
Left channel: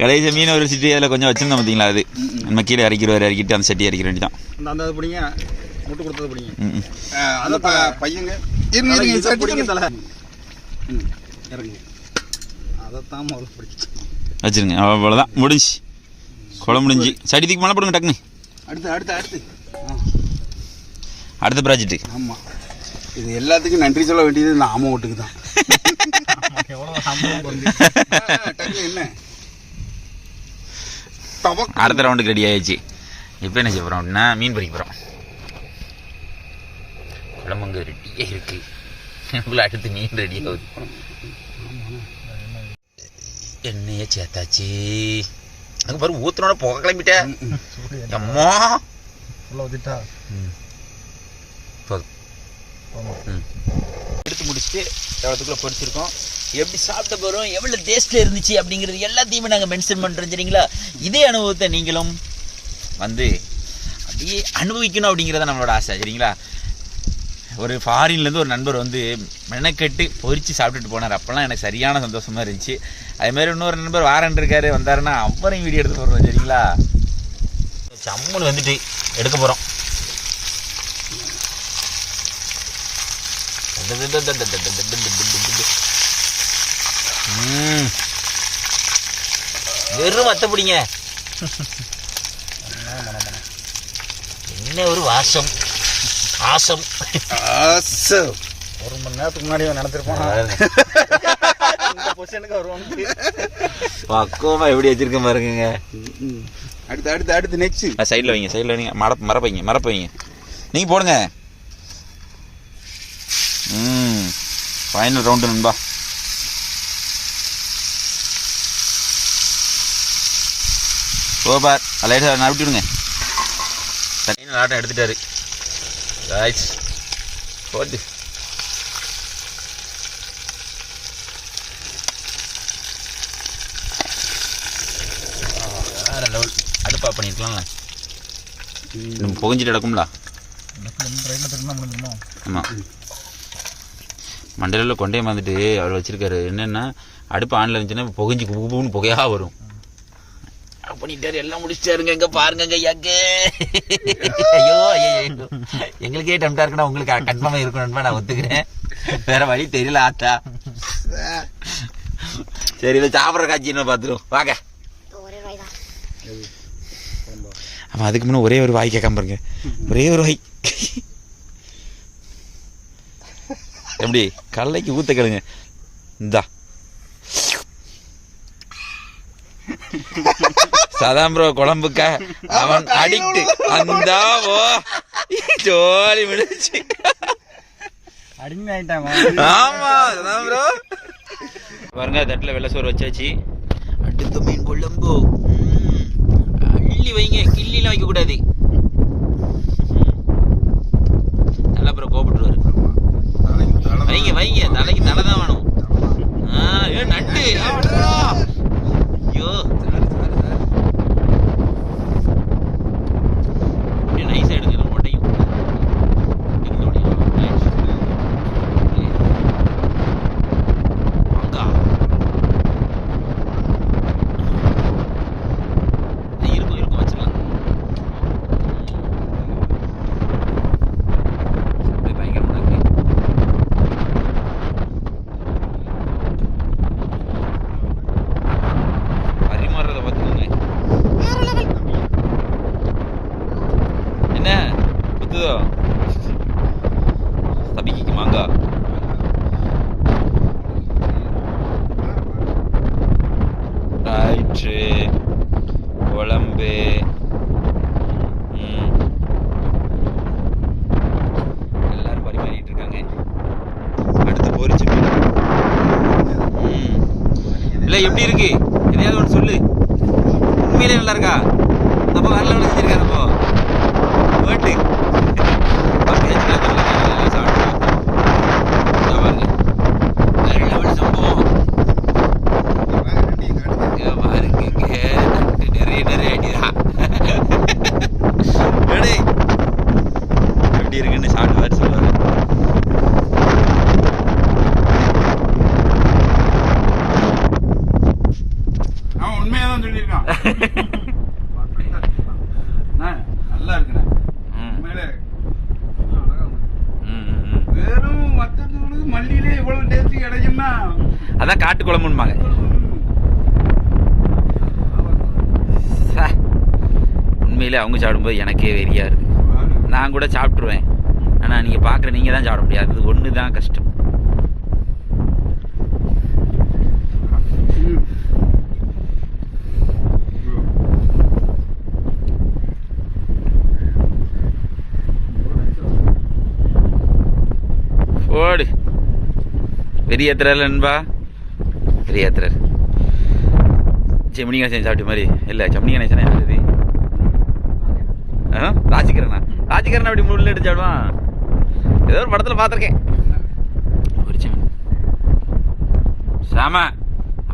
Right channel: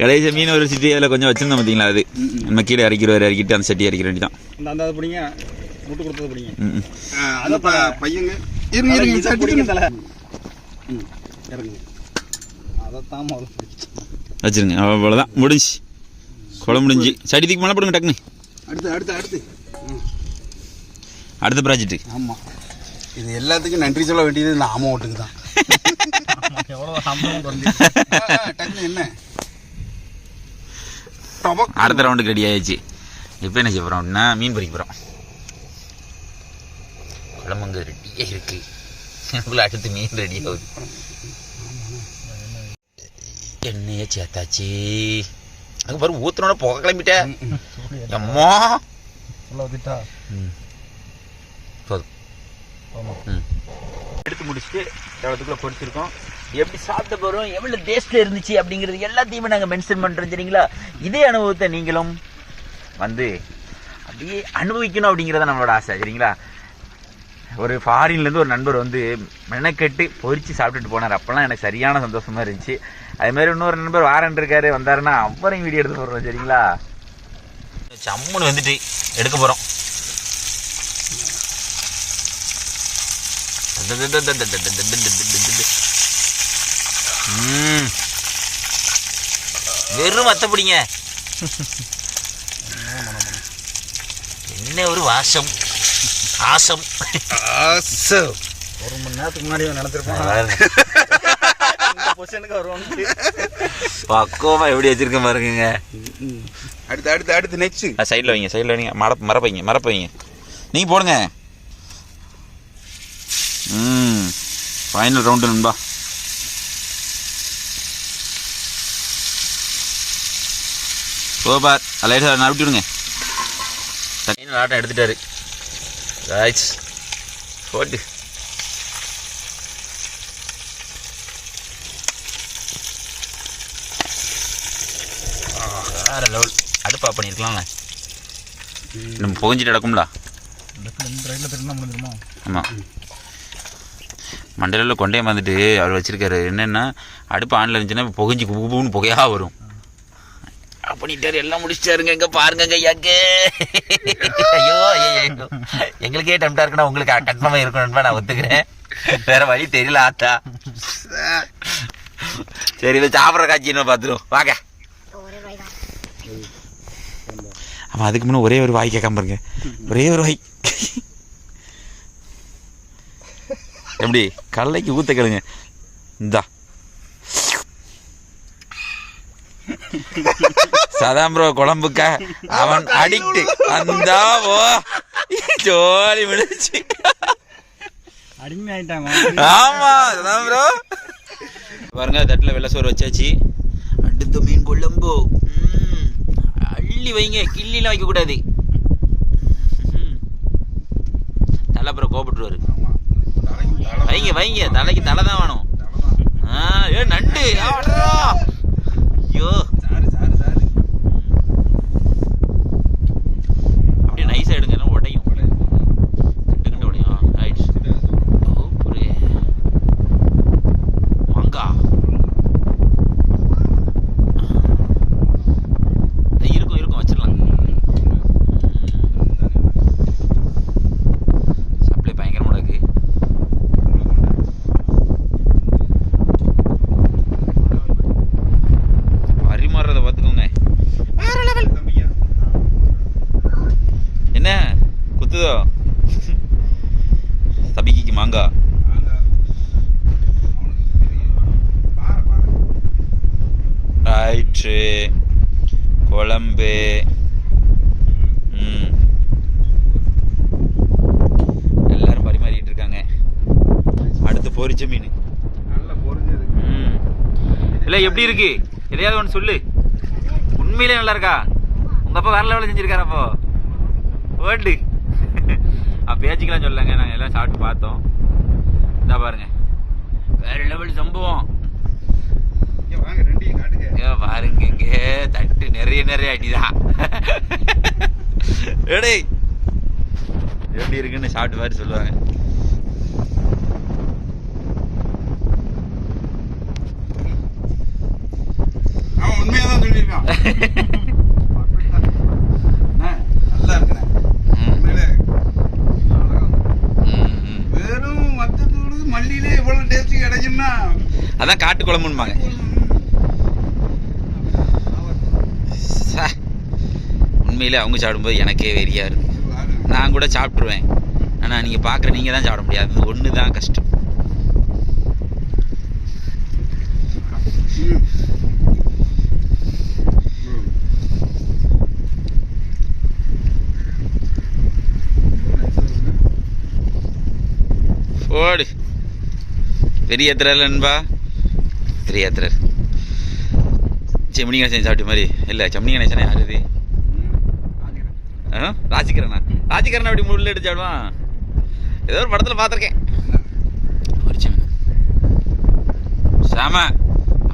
கடைசி மீன் ஒரு சிட்டி அதில் கொஞ்சம் வச்சிருந்தோம் பார்த்தீங்களா, அது நம்ம கீழே இறக்கிட்டு அந்த சட்டி இறக்கிற வேண்டியதான். அந்த பிடிங்க, முட்டு கொடுத்தது பிடிங்க. அத பையங்க இறங்குங்க, அதைத்தான் வச்சிருங்க. அவ்வளோதான், முடிஞ்சு குழம்பு முடிஞ்சு. சட்டி தூக்கி மழை போடுங்க டக்குன்னு. அடுத்த ப்ராஜெக்ட். ஆமாம், இது எல்லாத்துக்கும் நன்றி சொல்ல வேண்டியது இந்த ஆமை ஓட்டுக்கு தான். என்ன அடுத்த ரவுண்டுக்கு ரெடி ஆயிடுச்சு. இப்போ என்ன செய்ய போகிறோம் அப்படின்னா, மீன் பொறிக்க போகிறோம். குழம்புங்க ரெடியாக இருக்கு, அடுத்து மீன் ரெடி ஆகுது. எண்ணெயை சேர்த்தாச்சு. அதுக்கு பாரு ஊற்றுனோட புகை கிளம்பிட்டேன். அம்மா எடுத்து முடிச்சுட்டு எவ்வளோத்துக்குள்ள பொடிச்சிருக்கோம். எப்படி சாப்பிட்ட போகிறோம், எவ்வளோ டேஸ்ட்டில் இருந்துச்சு அப்படிங்கிறது எல்லாத்தையுமே நாங்கள் மென்ஷன் பண்ணுறோம். சரிங்களா? இதே அனுபவத்தை நீங்களும் வந்து அப்படியே அனுபவிக்கணும் அப்படிங்கிறத நம்மளோட ஆசை. சரிங்களா? ஒரு ஃபாரின்லேருந்து ஒரு நண்பர் வந்து மெனக்கெட்டு பொரிச்சு சாப்பிட்டுட்டு போனார். அப்போல்லாம் எனக்கு சரியான சந்தோஷமாக இருந்துச்சு. அதுமாதிரி இன்னொரு நண்பர் வாரன் இருக்காரு, வந்தாருன்னா அவரையும் வீடியோ எடுத்து போடுறோம். சரிங்களா, சம்முன்னு வந்துட்டு எடுக்க போகிறோம். வெறும் மத்த பிடிங்க, என்ன ஒரு வாசம், ஆசம். ஒரு மணி நேரத்துக்கு முன்னாடி நினைச்சிருப்பான் பக்குவமா எப்படி வச்சிருக்க பாருங்க. அடுத்து அடுத்து அடுத்து நெக்ஸ்ட் சைடில் வைங்க, சைடில் வைங்க, மரப்ப வைங்க, நீங்கள் போடுங்க. ஃபைனல் ரவுண்டு நண்பா. சூப்பர், லைட்டாக நறுட்டி விடுங்க. ஃபைனல் ஆட்டம் எடுத்துட்டாரு காய்ஸ். போட்டு வேறு லெவல். அடுப்பா பண்ணியிருக்கலாம்ல, நம்ம புகஞ்சிட்டு கிடக்கும்ல. ஆமாம், மண்டலில் கொண்டே வந்துட்டு அவர் வச்சுருக்காரு. என்னென்னா அடுப்பு ஆனில் இருந்துச்சுன்னா புகஞ்சி குப்புன்னு புகையாக வரும். பண்ணிட்டாரு, எல்லாம் முடிச்சிட்டாருங்க. இங்கே பாருங்க எங்க. ஐயோ ஐயோ, எங்களுக்கே டெம்டாக இருக்குன்னா உங்களுக்கு கன்ஃபார்மாக இருக்கணும்னு நான் ஒத்துக்கிறேன். வேற வழி தெரியல ஆத்தா. சரி, இதை சாப்பிட்ற காட்சின்னு பார்த்துருவோம் வாங்க. ஆமாம், அதுக்கு முன்னே ஒரே ஒரு வாய் கேட்காம பாருங்க, ஒரே ஒரு வாய். எப்படி கடலைக்கு ஊத்த கேளுங்க. இந்தா சதாம் ப்ரோ குழம்புக்க அவன் அடிக்ட். அந்தா ஓ ஜோலி முடிச்சு. ஆமா சதாம் ப்ரோ பாருங்க, தட்டில் வெள்ளை சோறு வச்சாச்சு. அடுத்த மீன் குழம்பு அள்ளி வைங்க, கிள்ளிலாம் வைக்க கூடாது. நல்லா அப்புறம் கோபப்பட்டுருவாரு. வைங்க வைங்க, தலைக்கு தலை தான் வேணும். ஏ நண்டு, ஐயோ அப்படியே நைஸா எடுங்க, உடையும் உடையும். வாங்கா இருக்கும் இருக்கும், வச்சிடலாம். சப்ளை பயங்கரமாக இருக்கு. பரிமாறுறத பார்த்துக்கோங்க, வேற லெவல். என்ன குத்துதோ தபிக்கு மாங்காய். ரைட்டு குழம்பு. எல்லாரும் பரிமாறிட்டு இருக்காங்க. அடுத்து பொரிச்ச மீன். இல்லை எப்படி இருக்கு, எதையாவது ஒன்று சொல்லு. உண்மையிலே நல்லா இருக்கா? உங்கள் அப்பா வேற லெவலில் செஞ்சிருக்காரு. அப்போ ஓட்டு பேச்சுக்கலாம் சொல்லுங்க, எல்லாம் சாப்பிட்டுலாம் பாருங்க. வேற லெவல் சம்பவம் பாருங்க. தட்டு நிறைய நிறைய அடிதான். எப்படி இருக்குன்னு சாப்பிட்டு மாதிரி சொல்லுவாங்க. அவன் உண்மையாதான் சொல்லியிருக்கான். நல்லா இருக்குண்ணே, உண்மையிலே வெறும் மத்தத்தோடு மல்லியிலே இவ்வளவு டேஸ்ட் கிடைக்கும்னா அதான் காட்டு குழம்புன்பாங்க. உண்மையிலே அவங்க சாப்பிடும்போது எனக்கே வெறியா இருக்கு. நான் கூட சாப்பிட்ருவேன், ஆனால் நீங்கள் பார்க்குற நீங்கள் தான் சாப்பிட முடியாது. அது ஒன்று தான் கஷ்டம். ஓடு பெரிய ஏத்துறாரு நண்பா, பெரிய ஏத்துறாரு. செம்மணி கணேசன் சாப்பிட்ட மாதிரி இல்லை. செம்மணி கணேசனா யார் இது? ராஜிகரனா? ராஜிகரன் அப்படி முள்ள எடுத்து சாப்பிடுவான். ஏதோ ஒரு படத்தில் பார்த்துருக்கேன். ஒரு செம்மணி சாம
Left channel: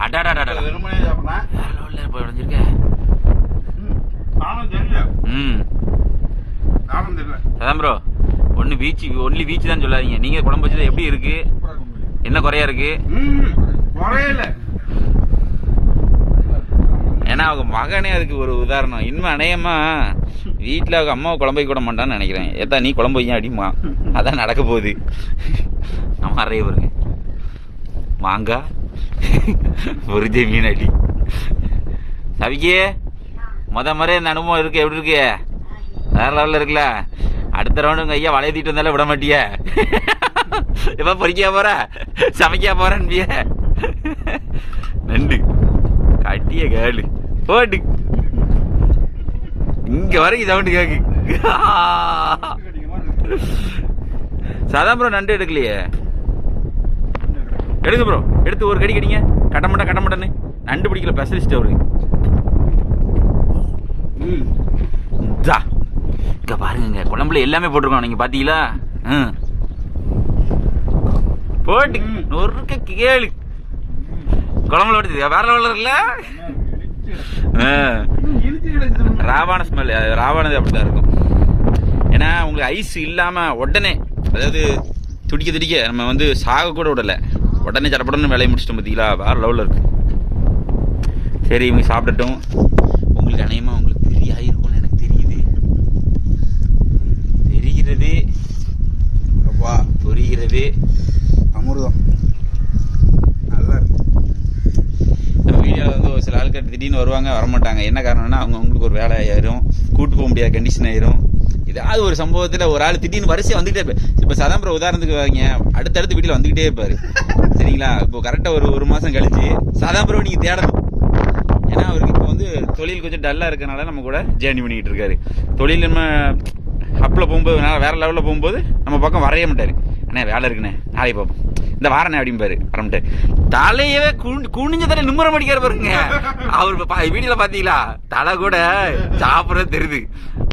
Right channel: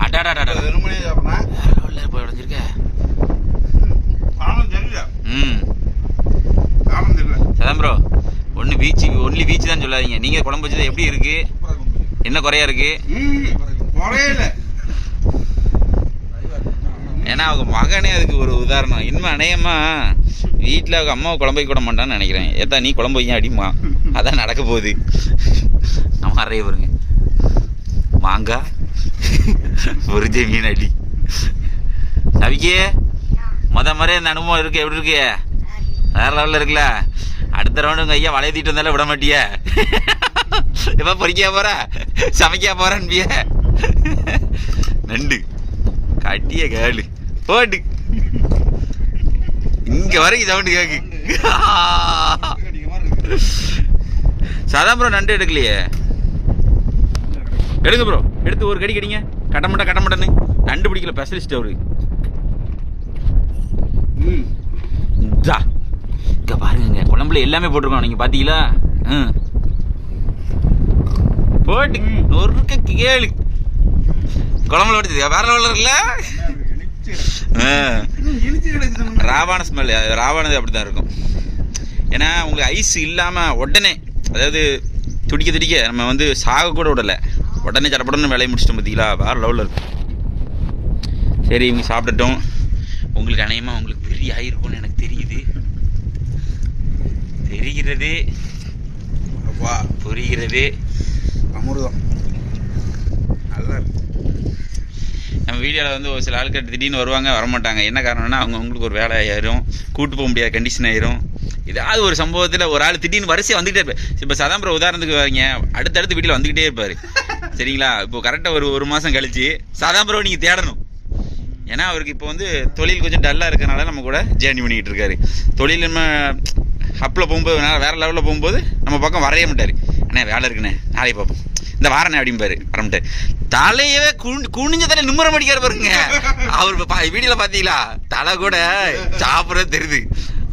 அடாடாடா போய் உடஞ்சிருக்க. சதாம் ப்ரோ ஒன்லி பீச் தான் சொல்லாதீங்க. நீங்கள் குழம்பு வச்சது எப்படி இருக்கு? என்ன குறையா இருக்கு? குறையல. ஏன்னா அவங்க மகனே அதுக்கு ஒரு உதாரணம். இன்னும் அநேகமா வீட்டில் அவங்க அம்மாவை குழம்பு வைக்க விட மாட்டான்னு நினைக்கிறேன். ஏதா நீ குழம்பு வைக்க அடிமா, அதான் நடக்க போகுது. நம்ம அறைய பாருங்க, மாங்காய் ஒரு மீன் அடி. சவிக்கே முறை இந்த அனுபவம் இருக்கு, எப்படி இருக்கு? வேற லெவலில் இருக்குல்ல. அடுத்த ரவுண்டு உங்கள் ஐயா வளைய தீட்டு வந்தாலும் விட மாட்டிய. எப்போ பொறிக்க போற, சமைக்க போறேன்பிய. நண்டு கட்டிய கேளு போட்டு இங்க வரைக்கும் சவுண்டு கேக்கு. சாதா ப்ரோ நண்டு எடுக்கலையே. எடுங்க ப்ரோ, எடுத்து ஒரு கடி கடிங்க. கட்டமாட்டன்னு நண்டு பிடிக்கல ஸ்பெஷலிஸ்ட் அவரு. இங்க பாருங்க, குழம்புல எல்லாமே போட்டிருக்கோம், நீங்க பாத்தீங்களா? போட்டு நொறுக்க கேளு. குழம்புல ஓடுது வேற லெவலில் இருக்குல்ல. ராவான ஸ்மெல், ராவானது அப்படிதான் இருக்கும். ஏன்னா உங்களுக்கு ஐஸ் இல்லாமல் உடனே, அதாவது துடிக்க நம்ம வந்து சாக கூட விடலை, உடனே சடப்படன்னு வேலையை முடிச்சிட்டோம் பார்த்தீங்களா? வேற லெவலில் இருக்கும். சரி இவங்க சாப்பிட்டுட்டோம். உங்களுக்கு அநேகமாக உங்களுக்கு பெரிய ஆயிருக்கும்னு எனக்கு தெரிகிறது. புரிகிறது. அமிர்தம் நல்லா இருக்கு. நம்ம வீடியோவில் வந்து ஒரு சில ஆட்கள் திடீர்னு வருவாங்க, வரமாட்டாங்க. என்ன காரணம்னா அவங்களுக்கு ஒரு வேலை ஆயிரும், கூட்டு போக முடியாத கண்டிஷன் ஆயிரும். ஏதாவது ஒரு சம்பவத்தில் ஒரு ஆள் திடீர்னு வரிசையாக வந்துக்கிட்டே இருப்பார். இப்போ சதாம்பரம் உதாரணத்துக்கு வாங்க, அடுத்தடுத்து வீட்டில் வந்துக்கிட்டே இருப்பார். சரிங்களா? இப்போ கரெக்டாக ஒரு மாதம் கழிச்சு சதாம்பரம் நீங்கள் தேடணும். ஏன்னா அவருக்கு இப்போ வந்து தொழில் கொஞ்சம் டல்லாக இருக்கனால நம்ம கூட ஜேர்னி பண்ணிக்கிட்டு இருக்காரு. தொழில் நம்ம அப்பில் போகும்போது வேறு லெவலில் போகும்போது நம்ம பக்கம் வரைய மாட்டார். அண்ணே வேலை இருக்குண்ணே, நாளைக்கு பார்ப்போம், இந்த வாரண்ணே அப்படிம்பாரு. வரமாட்டார். தலையவே குனிஞ்ச தலை நிம்மரம் அடிக்காரு பாருங்க. அவர் வீடியோல பாத்தீங்களா? தலை கூட சாப்பிட்றது தெரியுது.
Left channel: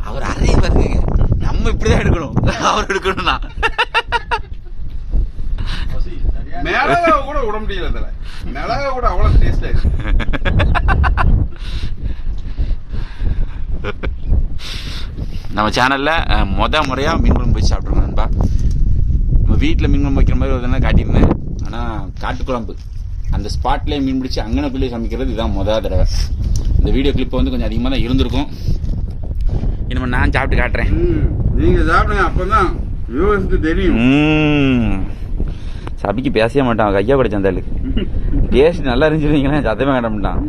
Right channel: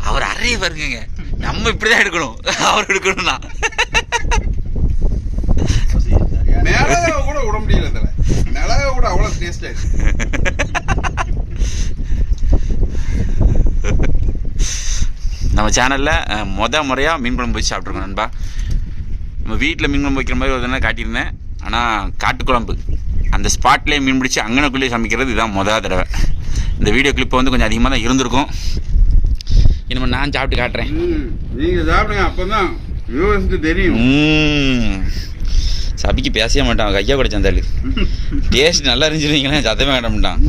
அவர் அறைய பாருங்க. நம்ம இப்படிதான் எடுக்கணும், அவர் எடுக்கணும்னா மிளகா கூட விட முடியல. தலை மிளகா கூட அவ்வளவு டேஸ்டா இருக்கு. நம்ம சேனல்ல முறையா மீன் குழம்பு வச்சு சாப்பிட்ருக்கோம் நண்பா. நம்ம வீட்டில் மீன் குழம்பு வைக்கிற மாதிரி ஒரு தடவை காட்டியிருந்தேன். ஆனால் காட்டுக்குழம்பு அந்த ஸ்பாட்லேயே மீன் பிடிச்சி அங்கனக்குள்ளேயே சமைக்கிறது இதுதான் முதல் தடவை. இந்த வீடியோ கிளிப்பு வந்து கொஞ்சம் அதிகமாக தான் இருந்திருக்கும். இனிமேல் நான் சாப்பிட்டு காட்டுறேன். நீங்கள் சாப்பிடுங்க, அப்போ தான் வியூவர்ஸ்க்கு தெரியும். சபிக்கு பேசவே மாட்டான், கையா கூட சந்தாலு. டேஸ்ட் நல்லா இருந்துச்சுன்னு சத்தமே காட்ட மாட்டான்.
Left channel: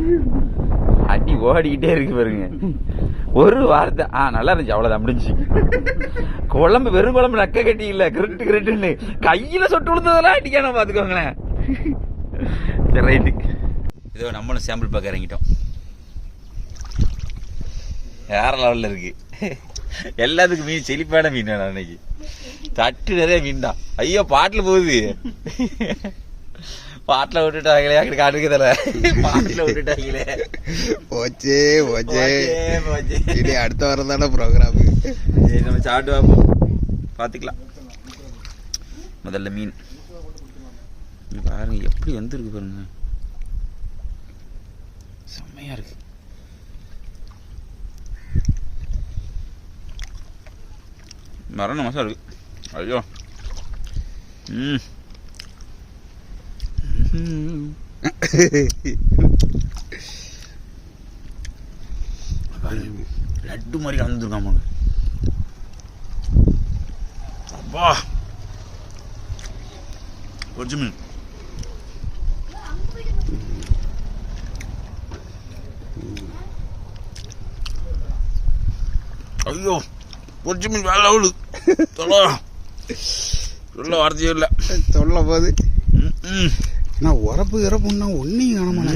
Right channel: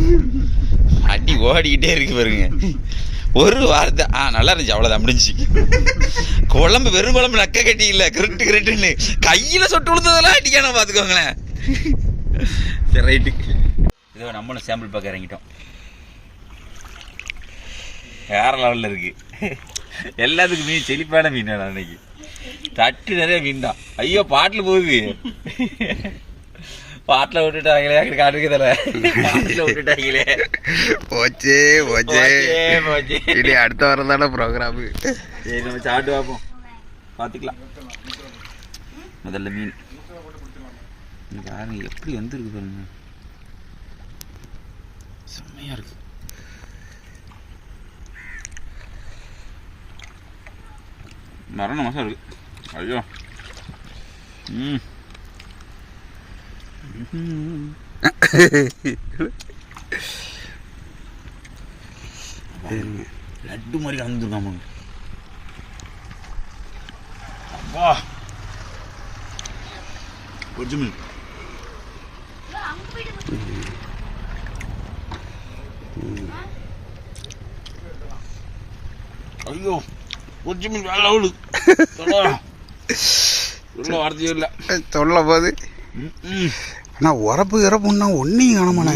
அடி ஓடிக்கிட்டே இருக்கு பாருங்க. ஒரு வாரத்தை நல்லா இருந்துச்சு, அவ்வளோதான் முடிஞ்சு. குழம்பு வெறும் குழம்பு நக்க கட்டி இல்லை, கிருட்டுன்னு கையில் சொட்டு விழுந்ததெல்லாம் அடிக்கணும் பார்த்துக்கோங்களேன். சரி ரைட்டு, இதோ நம்மளும் சாம்பிள் பார்க்க இறங்கிட்டோம். வேற லெவலில் இருக்கு. எல்லாத்துக்கும் மீன் செழிப்பான மீன் அன்னைக்கு. தட்டு நிறைய மீன் தான். ஐயோ பாட்டில் போகுது. பாட்டில் விட்டுட்டாங்களே, காட்டுக்கு தர பாட்டில் விட்டுட்டாங்களே. போச்சே அடுத்த வாரம் தானே ப்ரோக்ராமு. நம்ம சாப்பிட்டு பார்ப்போம், பார்த்துக்கலாம். முதல்ல மீன் பாருங்க எப்படி வந்துருக்கு பாருங்க, செம்மையா இருக்கு. மரண மாசம் இருக்கு. ஐயோ லட்டு மாதிரி கலந்துருக்காம. அப்பா கொஞ்சம் மீன். ஐயோ கொஞ்சம் மீன் வேலை அவ்வளவு சொல்ல வார்த்தையும் இல்லை. சொல்ல போது ஆனால் உரப்பு இறப்புன்னா ஒன்றையும் காணமாண்ணே.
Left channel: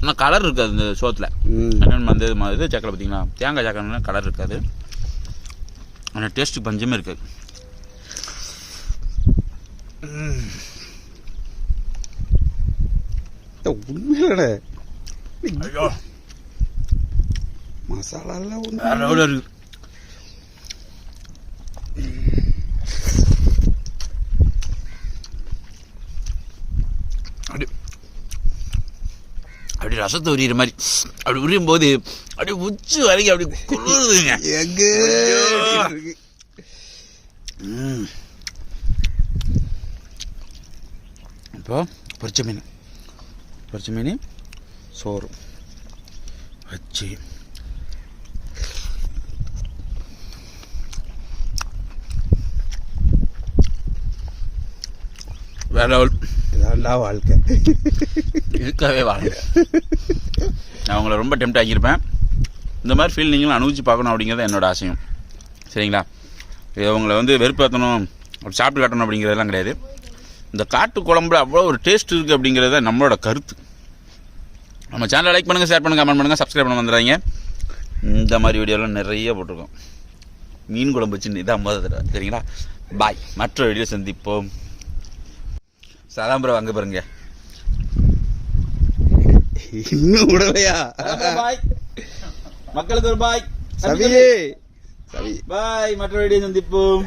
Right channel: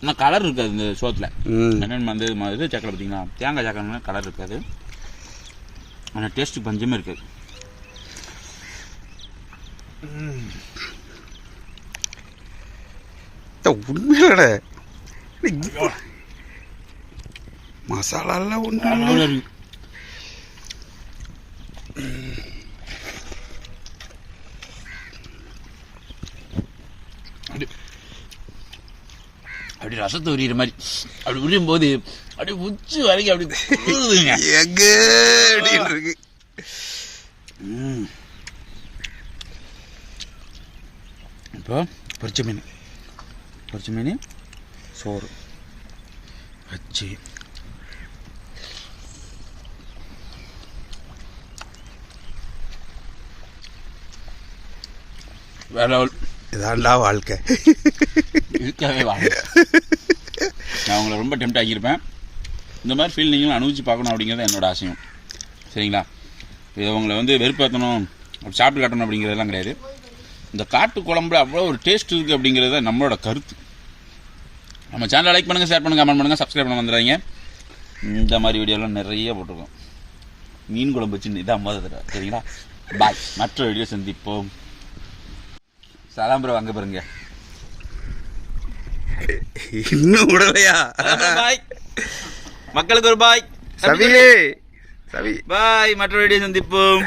ஆனால் கலர் இருக்காது இந்த சோத்தில். அந்த இது மாதிரி சக்கரை பார்த்தீங்களா, தேங்காய் சக்கரைனா கலர் இருக்காது. ஆனால் டேஸ்ட்டு பஞ்சமே இருக்காது. உண்மையிலடா மசாலாலாம் ஒன்று அப்படி ரசத்தை உரிகிற மாதிரி அப்படி உரியும் போது அப்படியே உச்சி வரைக்கும் அப்படி குளிருதுங்க. எங்க இருக்கு. இப்போ பொரிச்ச மீன் சோறு வச்சு வேற இதாண்டா வாழ்க்கை. இருக்கவே வாங்க. நான் உங்களை ரொம்ப டெம்ட் ஆகியிருப்பேன். இந்த மாதிரி ஃபீல் நீங்களும் அனுபவிச்சு பார்க்கணும் அப்படிங்கிறது என்னோட ஆசையும். சரிங்களா? இது உங்களை வந்து வெறுப்பேற்றணும், அப்படி சாப்பிட்டு காட்டணும் அப்படிங்கிறதெல்லாம் கிடையாது. இந்த காட்டு குழம்புல அவ்வளோ ஒரு டேஸ்ட் இருக்குது அப்படிங்கிறது தான் நம்மளோட கருத்து. நம்ம சேனலை லைக் பண்ணுங்கள், ஷேர் பண்ணுங்கள், கமெண்ட் பண்ணுங்கள், சப்ஸ்கிரைப் பண்ண வந்துடுறாங்க. இந்த மாதிரி வீடியோலாம் நிறைய போட்டிருக்கோம். மீன் குழம்பு வச்சு இதான் முதல் தடவை. சரிங்களா? பாய். மற்ற வீடியோ சந்திப்போம். சலாம்பரம் வாங்க பாருங்க. இன்னும் விடலையா? பாய். மக்களுக்கு ஒரு பாய். சவி பாய். மற்ற வீடியோ சந்திப்போம்.